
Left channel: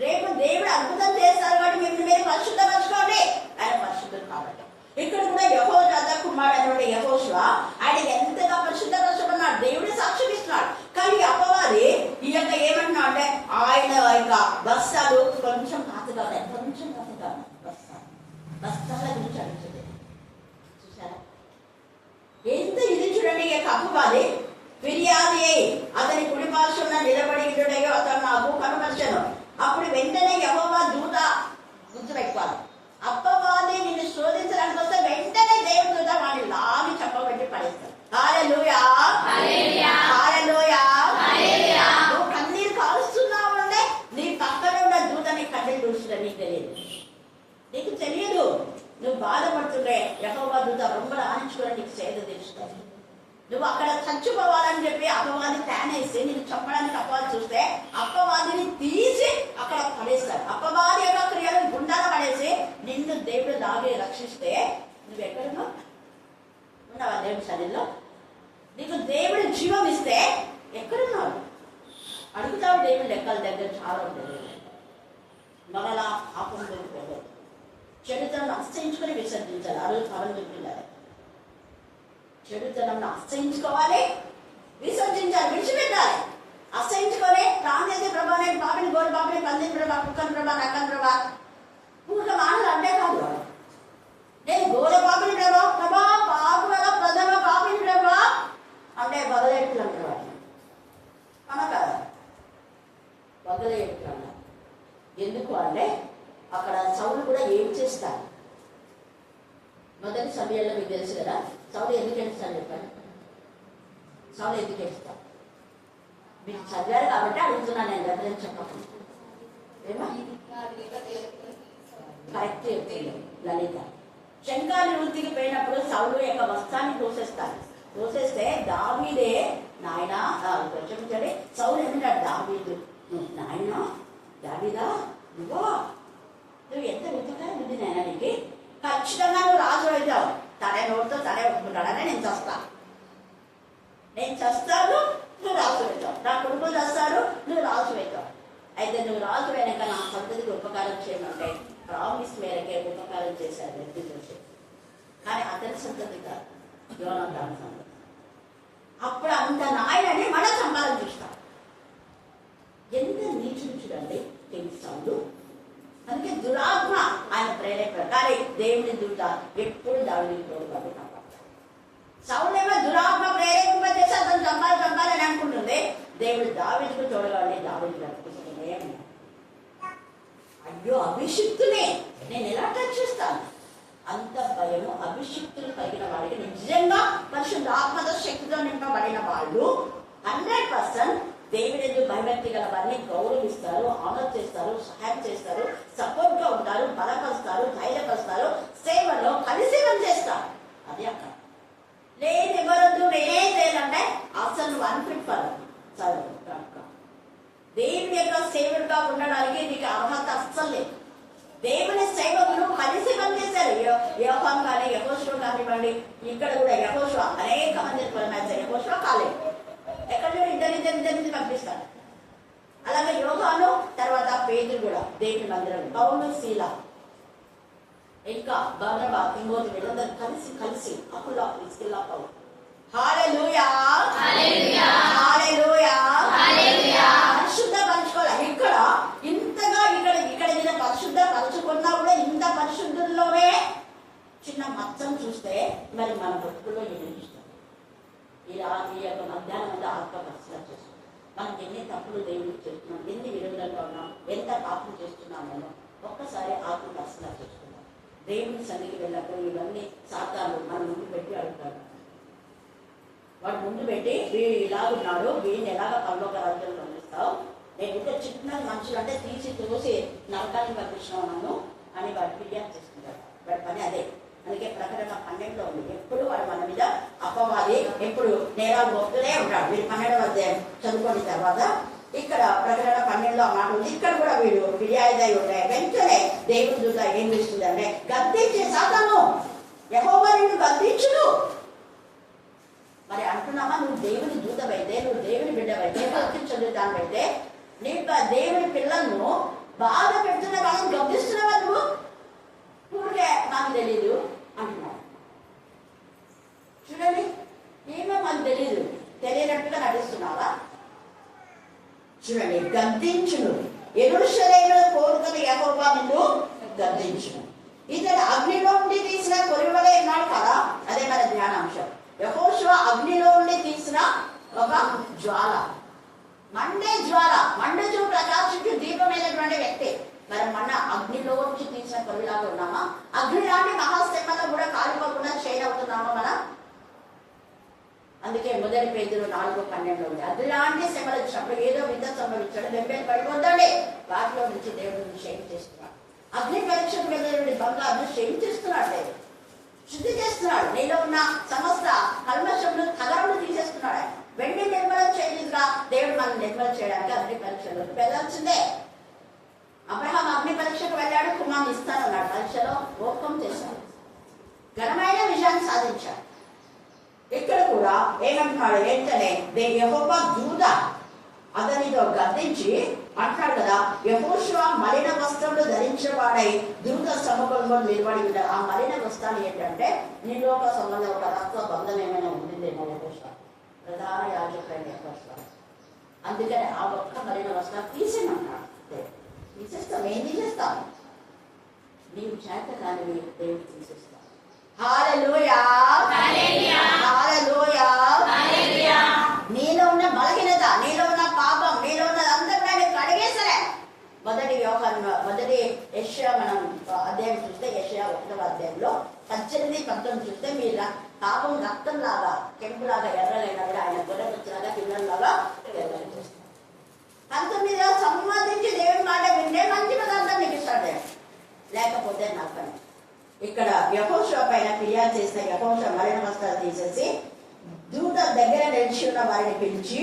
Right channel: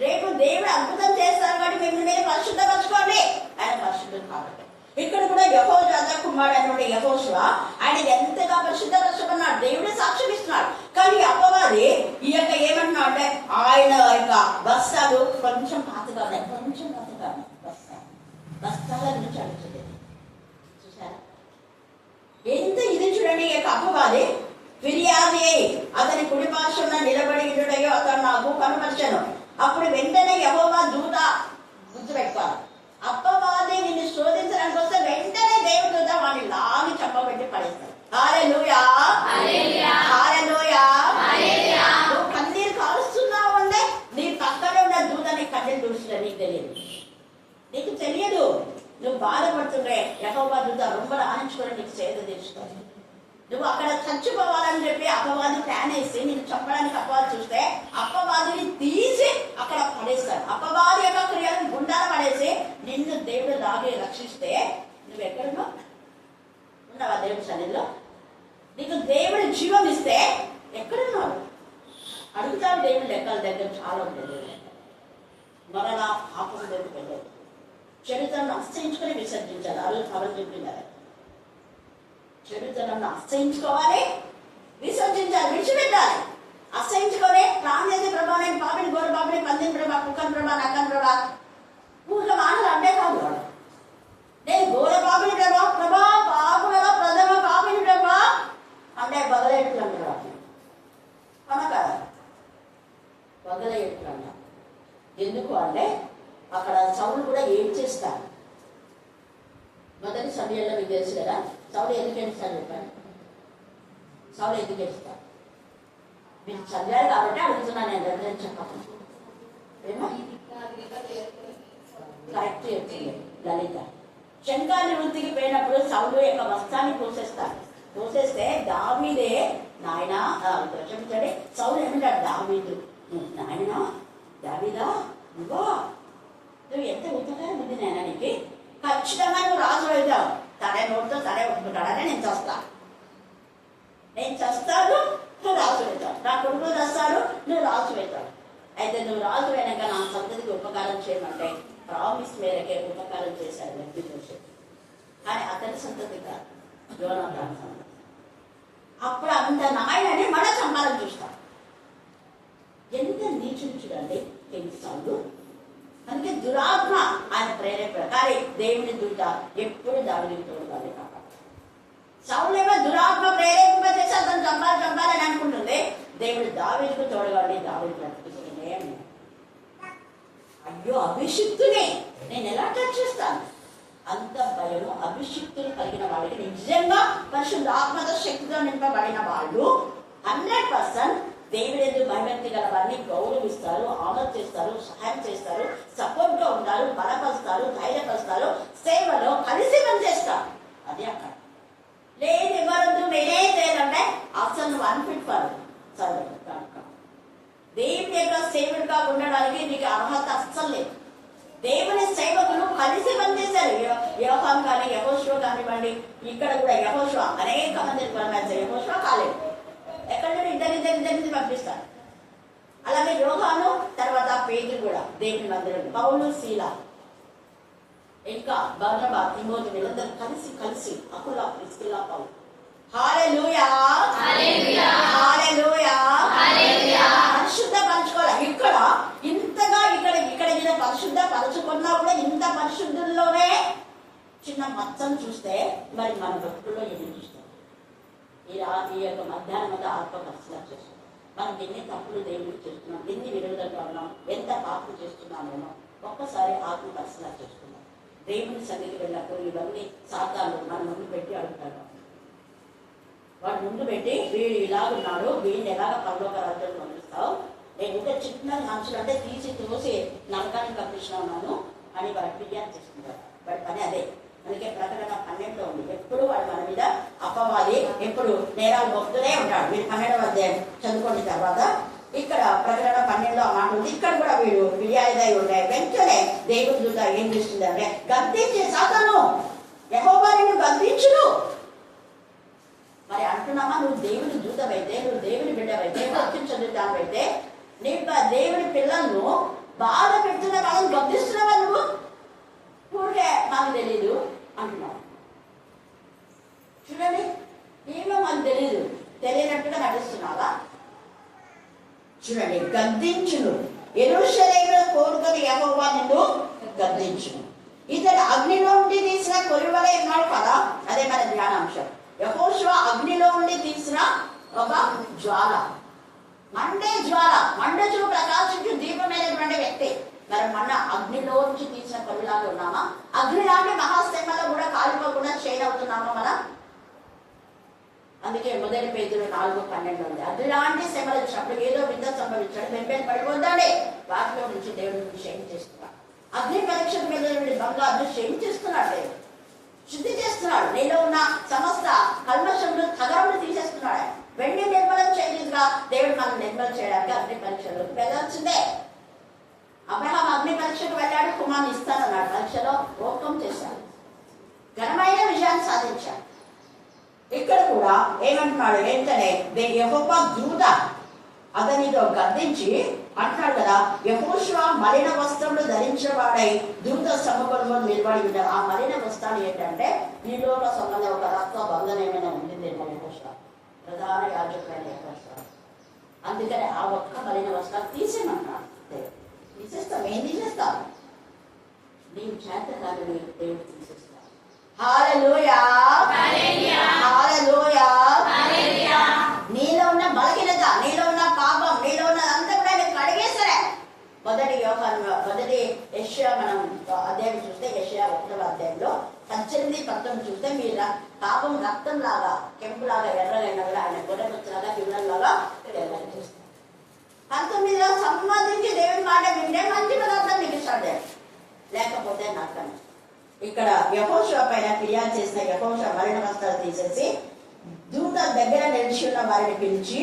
రేపు దేవుడు అద్భుతం చేస్తారు కాబట్టి మిమ్మల్ని మీరు పరిశుద్ధపరచుకోండి. ఆయన పరిశుద్ధం కాబట్టి ఇక్కడ కూడా యెహోషువ కుమారుడు అనే యెహోషువ ఆయన ఎంతగా పరిశుద్ధపరచబడినాడు. దేవుడే సాక్ష్యం ఇస్తున్నాడు. కానీ అపవాది ఈ యొక్క ఏమంటున్నా అంటే ఆయన యొక్క బస్తాలు కొంచెం పాతగా ఉన్నాయి, కొంచెం పాతగా బస్తాల గురించి అడుగుతుంది. చూసారా ఎంత ఇది? చూడండి ఈ యొక్క అపవాది ఫిర్యాది అతని కుడి పార్శ్వన నిలబడి ఇటుడయో అతను నాకు కనుపరిచాను. అప్పుడు వెంటనే యెహోవా దూత గుర్తుపెట్టుకోవాలి. అపవాది నిన్ను శోధించడానికి వస్తే వెంటనే దేవుడి దూత వాడిని లాగి చెప్పబెట్టి పడేస్తాడు. హల్లెలూయా, హల్లెలూయా. నువ్వు కన్నీరు కాలుస్తున్నావు అంటే నీ పక్కన ఉన్న దూత నీ కన్నీరు చూస్తున్నా నీకు తెలియదు, నీకు తెలియదు. నువ్వు బాధపడుతుంటే యెహోవా దూత రొంబ ఆనించుకొని నీకు సేద తీరుస్తావు. నువ్వు అక్కడ చచ్చిపోవాలని చెప్పి అపవాది ప్లాన్ వేసి నీకు చెప్పడానికి అపవాది చూస్తే అపవాదిని తీసి అక్కడ పడేస్తారు. అపవాది యొక్క క్రియలను గుండాలు పడేసి నిన్ను దేవుడు లాగే రక్షిస్తే నువ్వు ఎక్కడున్నావు? ఉన్నావా దేవుడి సన్నిధిలో? నీకు దేవుడి జీవం ఇస్తే ఎక్కడున్నావు? అడుగుతావు దేవుడి లెక్కల దగ్గర చాలా ఉండేది. మరలా పాపంలోకి వెళ్ళదు. చరిత్రను అస్తయించుకొని విసర్జించాలి. ఆ రోజు పవన్ చెప్పింది చెడుతనంను అసహించుకోవాలి, విసర్జించాలి, విడిచిపెట్టాలి. అసహించుకొని ప్రాణ్యత ప్రభా నేను పాపిని, గోర పాపిని, పందిని ప్రభా, కుక్కని ప్రభా, నక్కని ప్రభా, ఊక మానలు అంటే కాదు. నేను గోర పాపిని ప్రభా, ప్రభా పాపులలో ప్రథమ పాపిని ప్రభా అంటే వగలేట్టున్నాను ప్రభా కనుక వగలేట్టున్నాను. ఎందుకు అంటే అక్కడ సౌలు కూడా ఏం చేస్తారు? మొదటి సమయంలో మీకు తెలుసు కదా సౌలు ఎందుకు ఏడుస్తాను చెప్పండి. సౌలు ఎందుకు ఏడుస్తాను మీరు చదివారు కాబట్టి అడుగుతున్నాను. నేను దగ్గర చెప్పకుండా ఏమో కరెక్ట్ చెప్తుంది లలిత. శంఖాన్ని వృత్తికి పోయినప్పుడు సౌలు యొక్క వస్త్రాన్ని కోసేస్తారు. కోసేస్తే దావీదే నాయన క్షమించండి. సౌలు ఏమంటాడు? దావీదు నాయన, దావీదా నువ్వు ఎంత ఉపకారం ఉంది నాయన నీకు. ఖచ్చితంగా నువ్వు రాజు అవుతావు. తనే నోటితో తనే ఒప్పుకుంటాడనే నేను చస్తాను, నేను చస్తాను, నువ్వు రాజు అవుతావు. నా కొడుకు చస్తాడు, నువ్వు రాజు అవుతావు. అయితే నువ్వు రాజు అయినాక నా సంతతికి ఉపకారం చేయమంటే ప్రామిస్ మేరకే ఉపకారం చేశాడు వ్యక్తి గురించి. కానీ అతని సంతతి కాదు, యోనాతాను సంతతి. అప్పుడు అంత నాయనని మన చంపాలని చూస్తాం. ఎంత నీచుడు చూడండి సౌలు. అందుకే దురాత్మ ఆయన ప్రేరేపణ. కానీ దేవుని దూత ఎప్పుడు దావిని తోడుగానే కాపాడతాడు. సౌలేమో దురాత్మ ప్రేరేపింప చేసి అతను చంపాలని అనుకుంటుంది. దేవుడు దావీదుకు తోడుగానే దావీదు బ్రతికిస్తూనే ఉన్నాడు. అయ్యో అభిషిక్తునే నేను ఎలా రక్షిస్తాను? అంత భయము అభిషిక్తులు కలిగిన వాడికి, నిజంగా పరిశుద్ధ ఆత్మతో శక్తితో నింపబడిన వాళ్ళు 100% దేవుడు ఎందుకు భయభక్తి గల వారిని గౌరవిస్తారు, ఆనర్ చేస్తారు, సహాయం చేస్తారు, సపోర్ట్ గా ఉంటారు, బలపరుస్తారు, ధైర్యపరుస్తారు, సేవలో కలిసి పనిచేస్తారు. అది అక్కడ లేదు. ఎవరొద్దు నేనే చేయాలంటే అసలు నువ్వు అన్ఫిట్ ఫర్ దేవుని యొక్క సేవకుడుగా ఉండడానికి నీకు అర్హత అస్సలు లేదు. దేవుని సేవకులు కలిసి పనిచేశారు. యోహాం కానీ యెహోషువ కానివ్వండి, ఇక్కడ కూడా యెహోషువ అనేక మంది యెహోషువ కాలేదు. ఎక్కడ ఇద్దరిద్దరిని పంపిస్తారు. అలాగే యోహాను తర్వాత పేతురు కూడా దేవుని మందిరం, పౌలు శీల ఇంకా బర్నబా తిమోతి వీళ్ళందరూ కలిసి అప్పుల్లో ఇస్కిల్లా పౌలు. హల్లెలూయా హల్లెలూయా హల్లెలూయా. పరిశుద్ధ పరచుకోవాలి. ఇక్కడ ఇంతగా ఇక్కడ మీద పరిశుద్ధ పరచుకున్నా కూడా ఇంత పరిశుద్ధుల్లోనే చిన్న మచ్చను చూస్తే మరి మన భక్తుల్లో ఏమి చూస్తాం? ఈ యొక్క మధ్యాహ్నం అంతా ఆత్మ పరిశీలన చేస్తున్నాం. మనం ఎన్ని తప్పులు దేవుడికి చేస్తున్నాం, ఎన్ని విరుద్ధంగా ఉన్నాం, ఎంత పాపం చేస్తున్నామేమో ఒక్కసారి ఆత్మ పరిశీలన చేసుకుందాం. దేవుని సన్నిధికి వెళ్ళినప్పుడు ఇవన్నీ సాతాను మన ముందు పెట్టి అడుగుతాడు. వాడు ముందు పెట్టి వీడు ఇలాగున్నాడు, వీడిని ఎలాగ పరలోక రాజ్యాలు పంపిస్తావు, నేను ఇంకా చిన్న మనుషులు అంటే తీసి తోసి నరకానికి పంపించినావు నన్ను అని వాడు ఫిర్యాదు చేసుకుంటాడు. వాడి పని అదే. అందుకే ప్రకటన 12లో ఉంది. ఎప్పుడు వాడు మన మీద అపవాది, ఎప్పుడు నేరాలు మోపుతూనే ఉంటాడు. వీడు 12వ అధ్యాయం చదువుకున్న తర్వాత ఇక్కడ ప్రకటన 12లో ఆ మాట ఉంది. ఇక్కడ కూడా వీడు ఫిర్యాదు ఉంటాయి. వెంటనే దేవుని దూత ఏం చేస్తుందంటే గద్దించి సాతాను యెహోవా నిన్ను గద్దించును. మరి అంటున్నామా, నువ్వు దేవుని దూతమైతే, నువ్వు దేవుని బిడ్డవైతే, భక్తి చెందుతానైతే, నీకు దేవుని పిల్లలను బాధ పెడుతున్న వాళ్ళని గమనిస్తున్నావా? నువ్వు ఊరికే మాకు తెలీదు అంటున్నావు. చూడండి, ఏమో మాకు తెలీదు, తెలియనట్టుగా నటిస్తున్నావా? చూడండి, గద్దించును. యెరూషలేములో కోరుకుని యెహోవా నిన్ను గద్దించును. ఇతడు అగ్నిలో ఉండి తీసిన కొరివలే ఉన్నాడు కదా. అదే మన ధ్యానాంశం. యెహోషువ అగ్నిలో ఉండి తీసిన ఒక జ్వాల, మండే జ్వాల, మండుచు ప్రకాశించు దీపమైనటువంటి వ్యక్తి. మరి మన అగ్నిలో నుంచి తీసిన కొరిలాగా ఉన్నామా? అగ్ని లాంటి మహాశ్రమలో కూడా కాలిపోకుండా షేర్ అవుతున్నామా మనం? అందుకే మొదటి పేతురు 4:12 ఉంది. అగ్ని లాంటి శ్రమలు వచ్చినప్పుడు ఏదో విద్య సంభవించాడు, వెంబడి పడిపోద్దండి. వాటిలో నుంచి దేవుడిని షేర్ చేస్తున్నాడు. అగ్ని పరీక్షకు వెళ్ళిన బంగారు షేర్ చేస్తున్నాడు, శుద్ధి చేస్తున్నాడు. నీలో ఉన్న సమస్త కల్మషంలో తగరంను తీసేస్తున్నాడు. వెండి నిర్మలం చేయగా దేవుడు మనం నిర్మలం చేయడానికి అగ్ని పరీక్షలో వెళ్ళాల్సిందే. అబ్రహాం అగ్ని పరీక్షకు వెళ్ళాడు, కుమార్ని ఇస్తానన్నాడు. పరీక్షలో ఓపం చేశాడు, ఘనమైన విజయాన్ని సాధించాడు. ఇక్కడ కూడా ఏమంటున్నాడు? ఏంటనే యెహోవా దూత అతనితో గద్దించి అంటున్నాడు కదా, యెహోషువ మలిన వస్త్రములు ధరించిన వాడై దూత సముఖంలో నిలబడి ఉంటాడు. ఆ మలిన వస్త్రాలు ఏంటంటే నీలో ఒక సంబంధం, ఒక రక్త బంధం ఏమైనా ఉండిందేమో యెహోషువ, ప్రధాన యాజకుడైన యెహోషువ. అందుకని ఆ ఒక్క మలిన వస్త్రాలు తీసేయమంటాడు. తీసేస్తాం, ఏం తీసేస్తాం? నీవు చేత కానీ దేవుడు తీసేస్తాం. హల్లెలూయా హల్లెలూయా. నీలో ఉన్న బలహీనత, నీలో ఉన్న పాపం, నీలో ఉన్న అంతా కూడా నేను కడిగేసరే. మొదటి యెషయా మనం అధ్యాయం చూస్తే, యెషయా 1వ అధ్యాయంలో 18-19 చూస్తే మీరు పాపం రక్తం లాగా, కెంపులాగా ఎర్రలైనా కూడా ఆయన గొర్రెలాగా కిందలాగా ఎర్రలు చేస్తారు. 19లో సంబంధించి దేవుడి మాట వింటే మంచి పదార్థం నీకు ఇస్తాడు, లేకపోతే నక్కను. ఇక్కడ యెహోషువ పైన ఫిర్యాదు చేసిన యెహోషువ మలిన వస్త్రాలు తీసేసి దూత దగ్గర నిలిచి ఉన్న వారిని పిలిచి,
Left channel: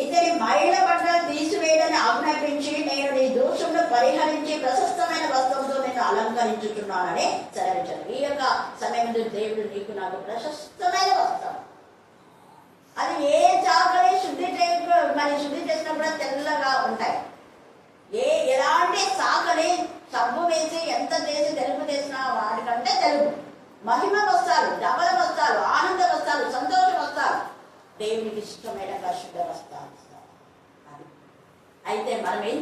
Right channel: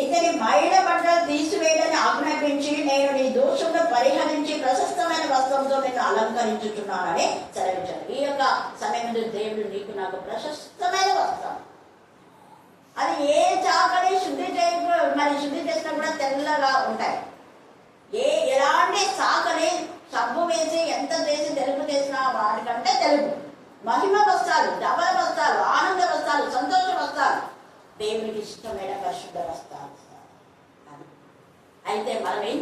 ఇతని మైల బట్టలు తీసివేయాలని ఆజ్ఞాపించి నేను నీ దోషంలో పరిహరించి ప్రశస్తమైన వస్త్రంతో నిన్ను అలంకరించుతున్నానని సెలవించాను. ఈ యొక్క సమయంలో దేవుడు నీకు నాకు ప్రశస్తమైన వస్త్రం, అది ఏ చాకలి శుద్ధి చేసినా కూడా తెల్లగా ఉంటాయి. ఎలాంటి చాకలి సబ్బు వేసి ఎంత చేసి తెలుపు చేసినా వాటికంటే తెలుపు. మహిమ వస్త్రాలు, ధవల వస్త్రాలు, ఆనంద వస్త్రాలు, సంతోష వస్త్రాలు, దేవునికి ఇష్టమైన పరిశుద్ధ వస్త్రాలు. అయితే మనం ఏం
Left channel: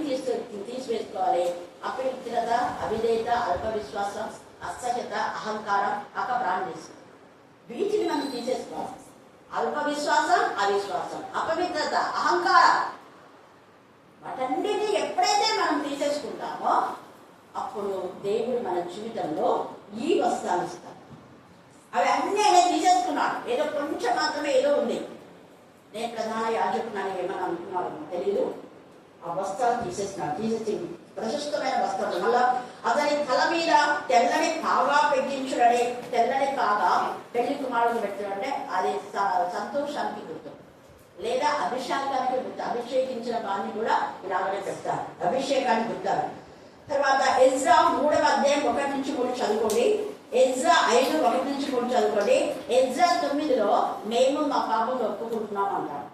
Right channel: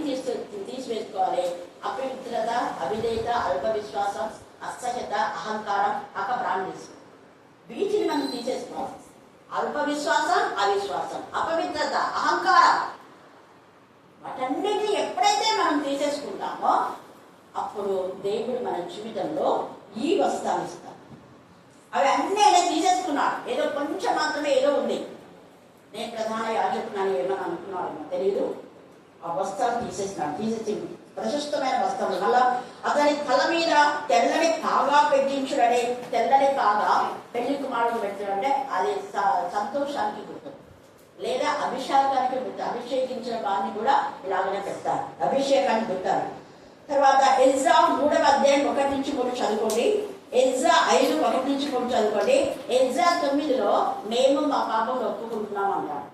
తీసివేసుకోవాలి? అపవిత్రత, అవిధేయత, అల్ప విశ్వాసం, అసహ్యత, అహంకారం, అకబ్రాహ్మణ్యం. వీటిని మనం తీసేసుకోవాలి. అల్ప విశ్వాసం, అవిశ్వాసం, అపవిత్రత, అహంకారం, వాటన్నిటిని ఎప్పుడైతే మనం తీసేసుకుంటామో అప్పుడు దేవుడు మన జీవితంలో ఈ వస్త్రాలు ఇస్తాడు. అవి అన్నీ ఆయన తీసేసుకున్నాడు. ఏదో కొంచెం మాత్రమే ఏదో ఉంది. నేను ప్రధాన యాజకున్నాను ఏమని అనుకున్నాను తెలీదు. ఆ వస్త్రాలు తీసేసి ప్రశస్తమైన వస్త్రాలు, మళ్ళా అతని తల మీద తెల్లని కాగా పెట్టించుడని, తెల్లని కాగా పెళ్లి కుమారుడు పెట్టడం అంటే అది సంతోషానికి గుర్తు, లేదా అభిషేకానికి గుర్తు. అభిషేకించిన వారిని కూడా ఇలాగనే పెడతారు, అభిషేకానికి గుర్తారు. తర్వాత ఎజ్రా 3వ అధ్యాయం 1-3 చదువుకోండి. ఎజ్రా 5:1-3 చదువుకోండి. ఎజ్రా 9లో మేము మా పాపం ఒప్పుకుంటున్నాం అంటారు.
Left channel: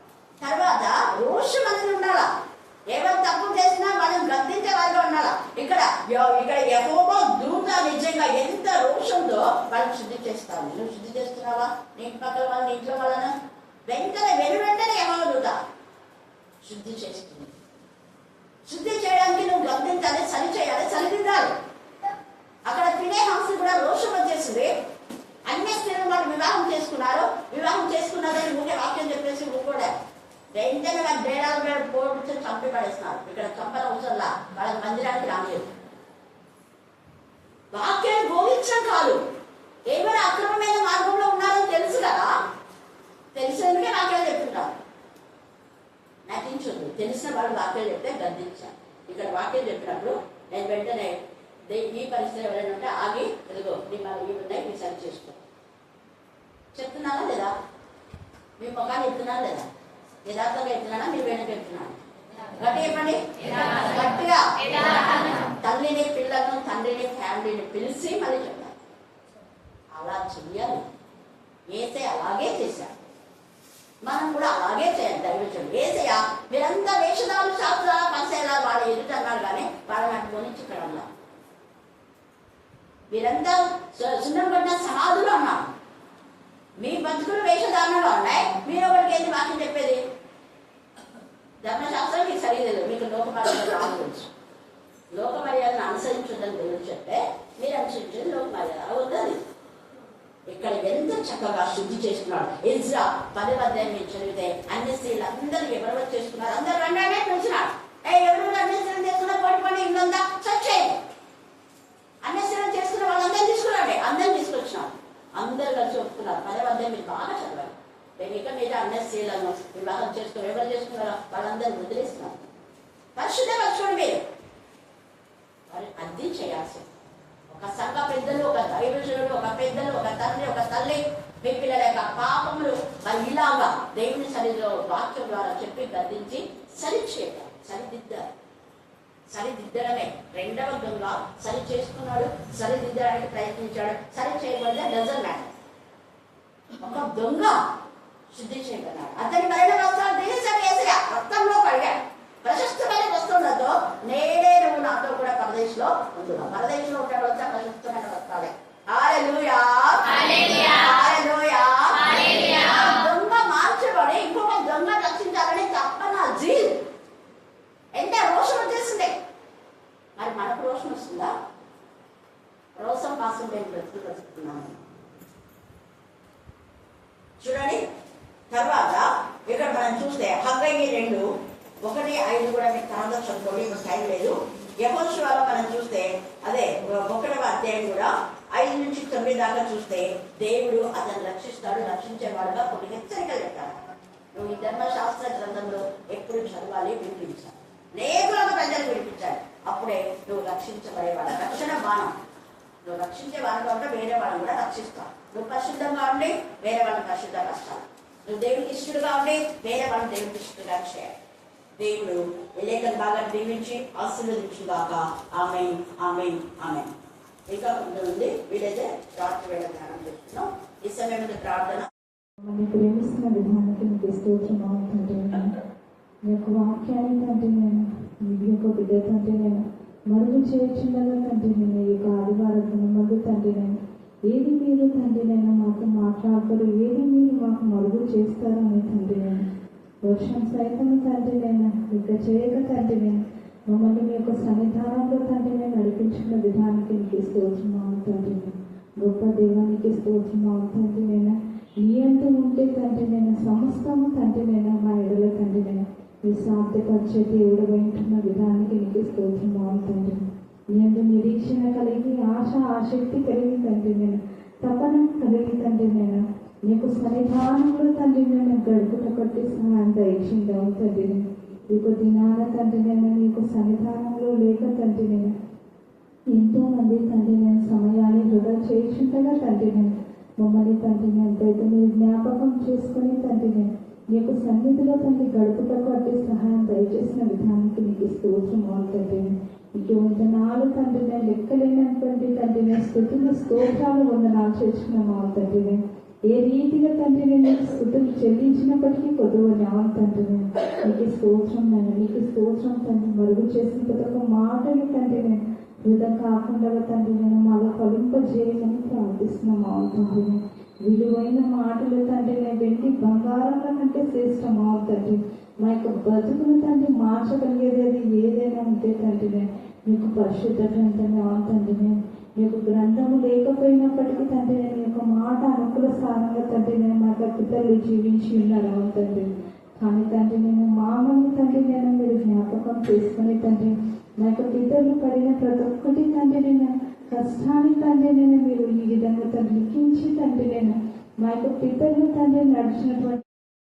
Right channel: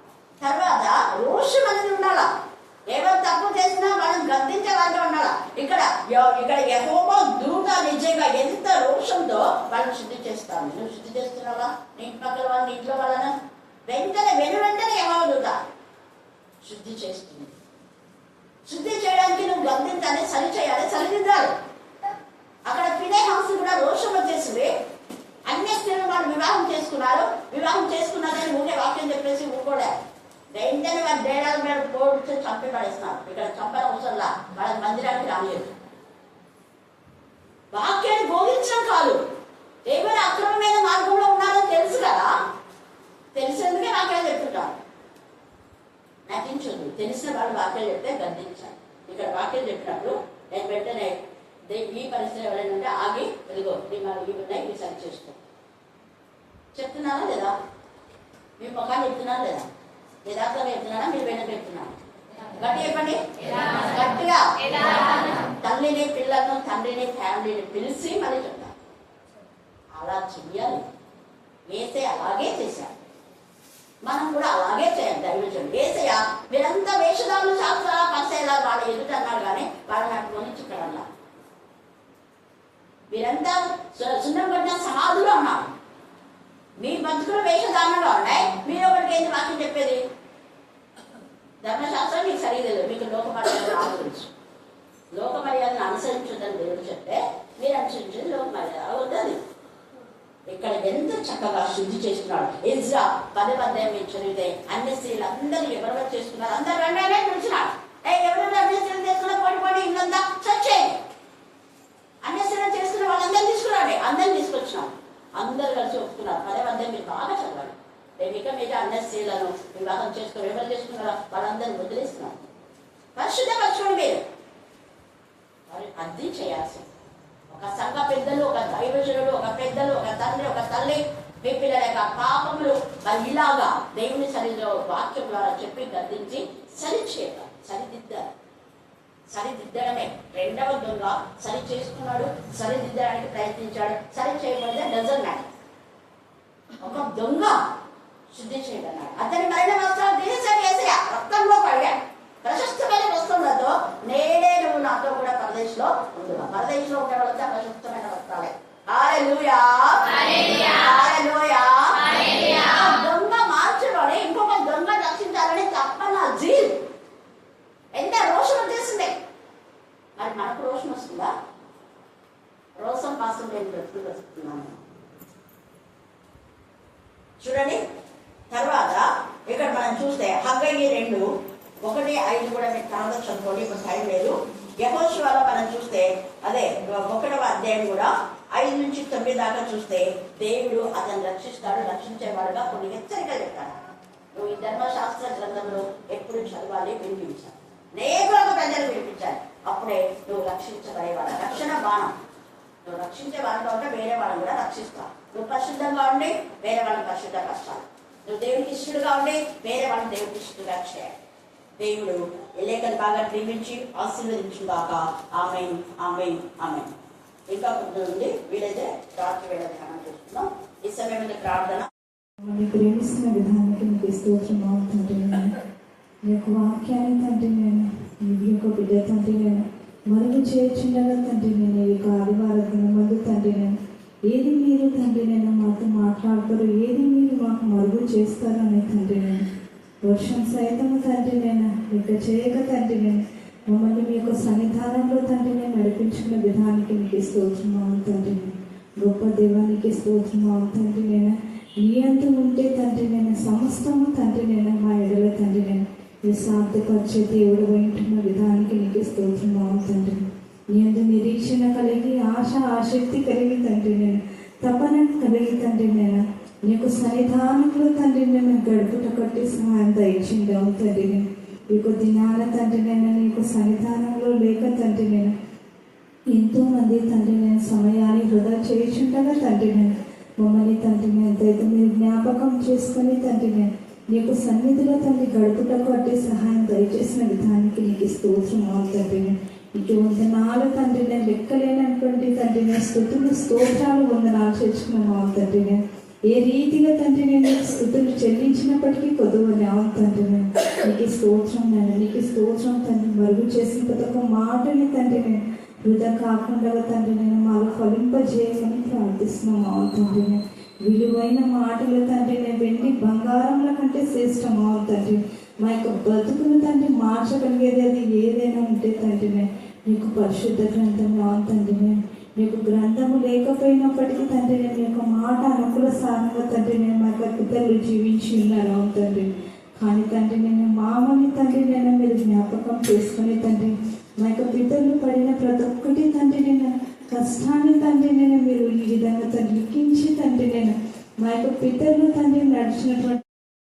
తర్వాత రోషం అనేది ఉండాలా. ఎవరు తప్పు చేసినా వాళ్ళని గద్దించే వాళ్ళు ఉండాలా. ఇక్కడ యెహోవా దూత నిజంగా ఎంత రోషంతో వాళ్ళని శుద్ధి చేస్తాను. నువ్వు శుద్ధి చేస్తున్నావా? నీ పక్కల వాళ్ళని, ఇంట్లో వాళ్ళన వెంటనే యెహోవా దూత శుద్ధి చేస్తుంది. శుద్ధి చేయడానికి నువ్వు గద్దించాలి, సరి చేయాలి, సరిదిద్దాలి. అక్కడ ఫినెహాసు కూడా రోషం వచ్చేసింది. అన్య స్త్రీలను వాళ్ళు వివాహం చేసుకున్నారు. వివాహం చేసుకున్నారని ఊకే వాక్యం చెప్పేసి ఊరుకోడా. వెంటనే వాళ్ళ డేడాల మీద పోడ్చి చంపి పడేస్తున్నారు. ఇక్కడ చంపన అవసరంలా, వాళ్ళ మందిరానికి రానియదు. వాక్యాన్ని బోధించడం కాదు, ఏమైనా అక్రమమైన మార్గంలో ఉన్నారో తెలుసు కదా, తెలిసినందుకే వాక్యాలు చెప్తుంటారు. నటించదు. తెలిసిన వాళ్ళు వాక్యాలు చెప్తే గద్దించాలి. ఇక్కడ వాక్యాలు చెప్పినప్పుడు నేను వెంటనే ఈ పరిస్థితి ఎవరైనా ఉంటే ఆగి, ఇదిగో ఇవి ఉన్నాయి, మీరు సరి చేసుకో చెప్తున్నారా లేదా? మీ ముఖాన్ని చెప్తున్నారా లేదా? యథార్థంగా చెప్తున్నారా? మీరు వెనక చెప్తున్నారా? గట్టిగా చెప్పండి, గట్టిగా. తల్లిని, పిల్లలను, తండ్రిని, ఫ్యామిలీని పిలిచి మళ్ళీ చెప్తారు. అలా చెయ్యాలి. ఏసే అలాగే చేశారు. మనం కూడా అలాగే చేయాలి. దైవజనం ఏసయ్య మీరంతా వేషధారులు, శాస్త్ర పరిచయాల వాళ్ళ ఎదుట అన్నారు, కానీ వాళ్ళ నాకు కొనిచ్చుకోవడంలా. మీరంతా సున్నం పడిన సమాధులు అన్నారు. మీ బతుకులు వేషధారణలో ఉన్నాయి. మీరు ఒకటికి ఏంటి వాక్యం చెప్పేది? ధర్మశాస్త్రం మీకు సరిగ్గా మీకు లోక మర్యాదలు ఆలోచించు. లోక మర్యాదను అనుసరించదని దేవుడు చెప్తే మీరు అనుసరించేది లోక మర్యాద అవుతుంది. ఇక్కడ ఎంత చక్కగా శుద్ధి చేసుకున్నాడు. ఎజ్రా 10వ అధ్యాయం మీరు చదివితే అన్ని స్త్రీలు అందరూ ఎవరెవరు చేసుకున్నారు, అందరు వెంటనే పిలిచినాడు. ఎవరెవరు అన్ని స్త్రీలు చేసుకున్నారు, పడి ఇల్లంతా చచ్చేయండి. అన్ని స్త్రీలు చేసుకున్న వాళ్ళందరూ తీసుకున్నాడు. అందరిని తీసుకొచ్చినాడు. అందరూ కలిసి ఒప్పుకున్నారు. 10వ అధ్యాయం మీరు బాగా చదవాలి. నేను ఇక మీద అన్ని స్త్రీలను వివాహం చేసుకుని ఎవరు చేసుకున్నారో వాళ్ళందరూ వదిలేస్తున్నారు. పరిశుద్ధపరచుకోండి. మీరు అర్థం చేయాల్సింది. ఒక సంఘ పెద్దలు, ఒక దైవజనుడు, ఒక పెద్దలు, ఒక తండ్రి, ఒక తల్లి మీ పిల్లల యొక్క పాపములు మరి ఇలాగా దేవుని సరిలో వాక్యం ద్వారా చెప్పి గద్దించి సరిచేయాలి, సరిదిద్దడమే. 2వ దొంగ సరి చేసుకున్నాడు, సరిదిద్దడానికి ప్రయత్నించాడు. సరి చేయబడితే డజన్ మ్యాటర్. ఒక దొంగ శుద్ధి చేయబడ్డాడు. అతని మరణ వస్త్రాలు దినసరి ఏసయ్య రక్తంలో కడిగాడు. ప్రశస్తమైన వస్త్రములతో నేడే నువ్వు నాతో కూడా పరదేశంలో ఉంటున్నావు. పరదేశంలో ఉండే వాళ్ళంతా ప్రశస్తమైన వస్త్రాలే. హల్లెలూయా, హల్లెలూయా. దొంగ మార్చబడి ఇంకొక దొంగ రక్షించాలని తప్పన జీల్ ఎంత రోషం వచ్చేసింది. మరి మనకు రోషం వస్తుందా? రోషం కోసం నేను బ్రతుకుతున్నాను. చూడండి. తర్వాత ఇక్కడ మనం చూస్తే హగ్గయి 2:1-5 కూడా మీకు తర్వాత చదువుకోండి, ఇప్పుడు టైం లేదు. యెహోషువలో మనం చూస్తే అదే 1వ అధ్యాయం కూడా 5-9 దాకా చూస్తే దేవుడు అతను రక్షిస్తాడు, రక్షించేవాడుగా కొన్ని హెచ్చరికలు చెప్తాడు. నువ్వు ఈ ధర్మశాస్త్ర గ్రంథంలో ఎప్పుడు చదవాలి, వినిపించాలి, అనేక ప్రజలు వినిపించాలి. అప్పుడే నువ్వు రక్షించబడేవాడు. రక్షణ బాణం. నువ్వు రక్షించే వాళ్ళలో ఉంటే వేరే వాళ్ళని కూడా రక్షిస్తావు. నువ్వు పరిశుద్ధంగా ఉండి వేరే వాళ్ళని పరిశుద్ధంగా చేస్తావు. నువ్వు దేవుడికి ఇష్టడుగా ఉండి వేరే వాళ్ళని దేవుడికి ఇష్టడుగా చేయాలి. దేవుడు లేఖను బాగా దీవించి ఆశీర్వదించుగాక. ఆమేన్, ఆమేన్, ఆమేన్. ఇంకా ముందు వీలైతే రాత్రి వేళ ధ్యానం చేస్తున్నాం. ఈ సమయం ప్రార్థన. ప్రేమిస్తున్న విధానానికి మీకు స్తోత్రం తండ్రి. మీ యొక్క వాక్యాన్ని తండ్రి నేను మీ యొక్క బిడ్డ తండ్రి నేను మరుగు చేర్చుండగా తండ్రి నేను ఈ యొక్క ఆదివారం దినమందు తండ్రి నేను ఏది మీరు తండ్రి నేను మాతో మాట్లాడతారు, ఏది మీరు మాకు మరుగు చేస్తారని తండ్రి నేను వర్షం సైతం తండ్రి నేను ఇక చేయక తండ్రి నేను మమ్మల్ని మీ యొక్క సన్నిధానంలో తండ్రి నేను నడిపించుకున్న విధానానికి నీకు స్తోత్రము తండ్రి. గొప్ప దేవానికి స్తోత్రము తండ్రి. నేను నీ అంత ఉంటే తండ్రి నేను సమస్తము తండ్రి నేను మా ఎడల తండ్రి నేను ఈ సాధ్యపరిచే దేవుడు వింటున్న విధానానికి నీకు స్తోత్రము తండ్రి. నీ అంత నిరీక్షణ కలిగి ఆసక్తి కలిగి తండ్రి నేను తపన కలిగి తండ్రి నేను నీకు సన్నిధానంలో తండ్రి నేను గడుపుట కట్టి సహాయం దయచిందావు తండ్రి నేను నీకు దినాల తండ్రి నేను నీకు సన్నిధానంలో లేక తండ్రి నేను ఎంతోమంది తండ్రి నేను సమయాన్ని వృధా చేయించుండగా తండ్రి నేను మమ్మల్ని తండ్రి నేను దయతో మీరు జ్ఞాపకం చేసుకొని తండ్రి నేను నీకు సన్నిధిలో తండ్రి గడుపుటకు అట్టి సహాయం దయచేసిన విధానానికి నీకు స్తోత్రం తండ్రి నేను నీకు వందనాలు తండ్రి నేను లెక్కలేనటువంటి తండ్రి నేను స్తోత్రాలు వందనాలు చేర్చుకున్నాము తండ్రి నేను ఏ రీతిగా తండ్రి నేను స్థుతులు చెల్లించినప్పటికీ కొద్దువని తండ్రి నేను నీకు స్తోత్రం నేను నీకు స్తోత్రం తండ్రి మరుగు చేసిన ప్రతి ఒక్క మాటని తండ్రి నేను వృధా కాకుండా తండ్రి నేను మాలో ఫలింపజేయమని ప్రార్థిస్తున్నాము తండ్రి నేను విలువైన మాటలు తండ్రి నేను వెండి బంగారంల కంటే శ్రేష్టమా తండ్రి మా యొక్క బతుకును తండ్రి మార్చగలిగేది అది ఏదైనా ఉంటే తండ్రి నేను నీకు పరిశుద్ధ గ్రంథం తండ్రి నేను నీకు గ్రంథము లేకపోయినప్పటికీ తండ్రి నేను యొక్క మాట అనుకూల సారంగా తండ్రి నేను మా యొక్క పిల్లలు జీవించి ఉన్నారు తండ్రి. కానీ తండ్రి నేను మామని తండ్రి నేను మీరు జ్ఞాపకం చేసుకుని తండ్రి మా యొక్క పిల్లలు పడిన ప్రతి ఒక్కటి తండ్రి నేను కష్టాన్ని తండ్రి నేను మీరు ఈ విధంగా తండ్రి లిఖించి తండ్రి నేను మా యొక్క పిల్లలు తండ్రి నడిచినటువంటి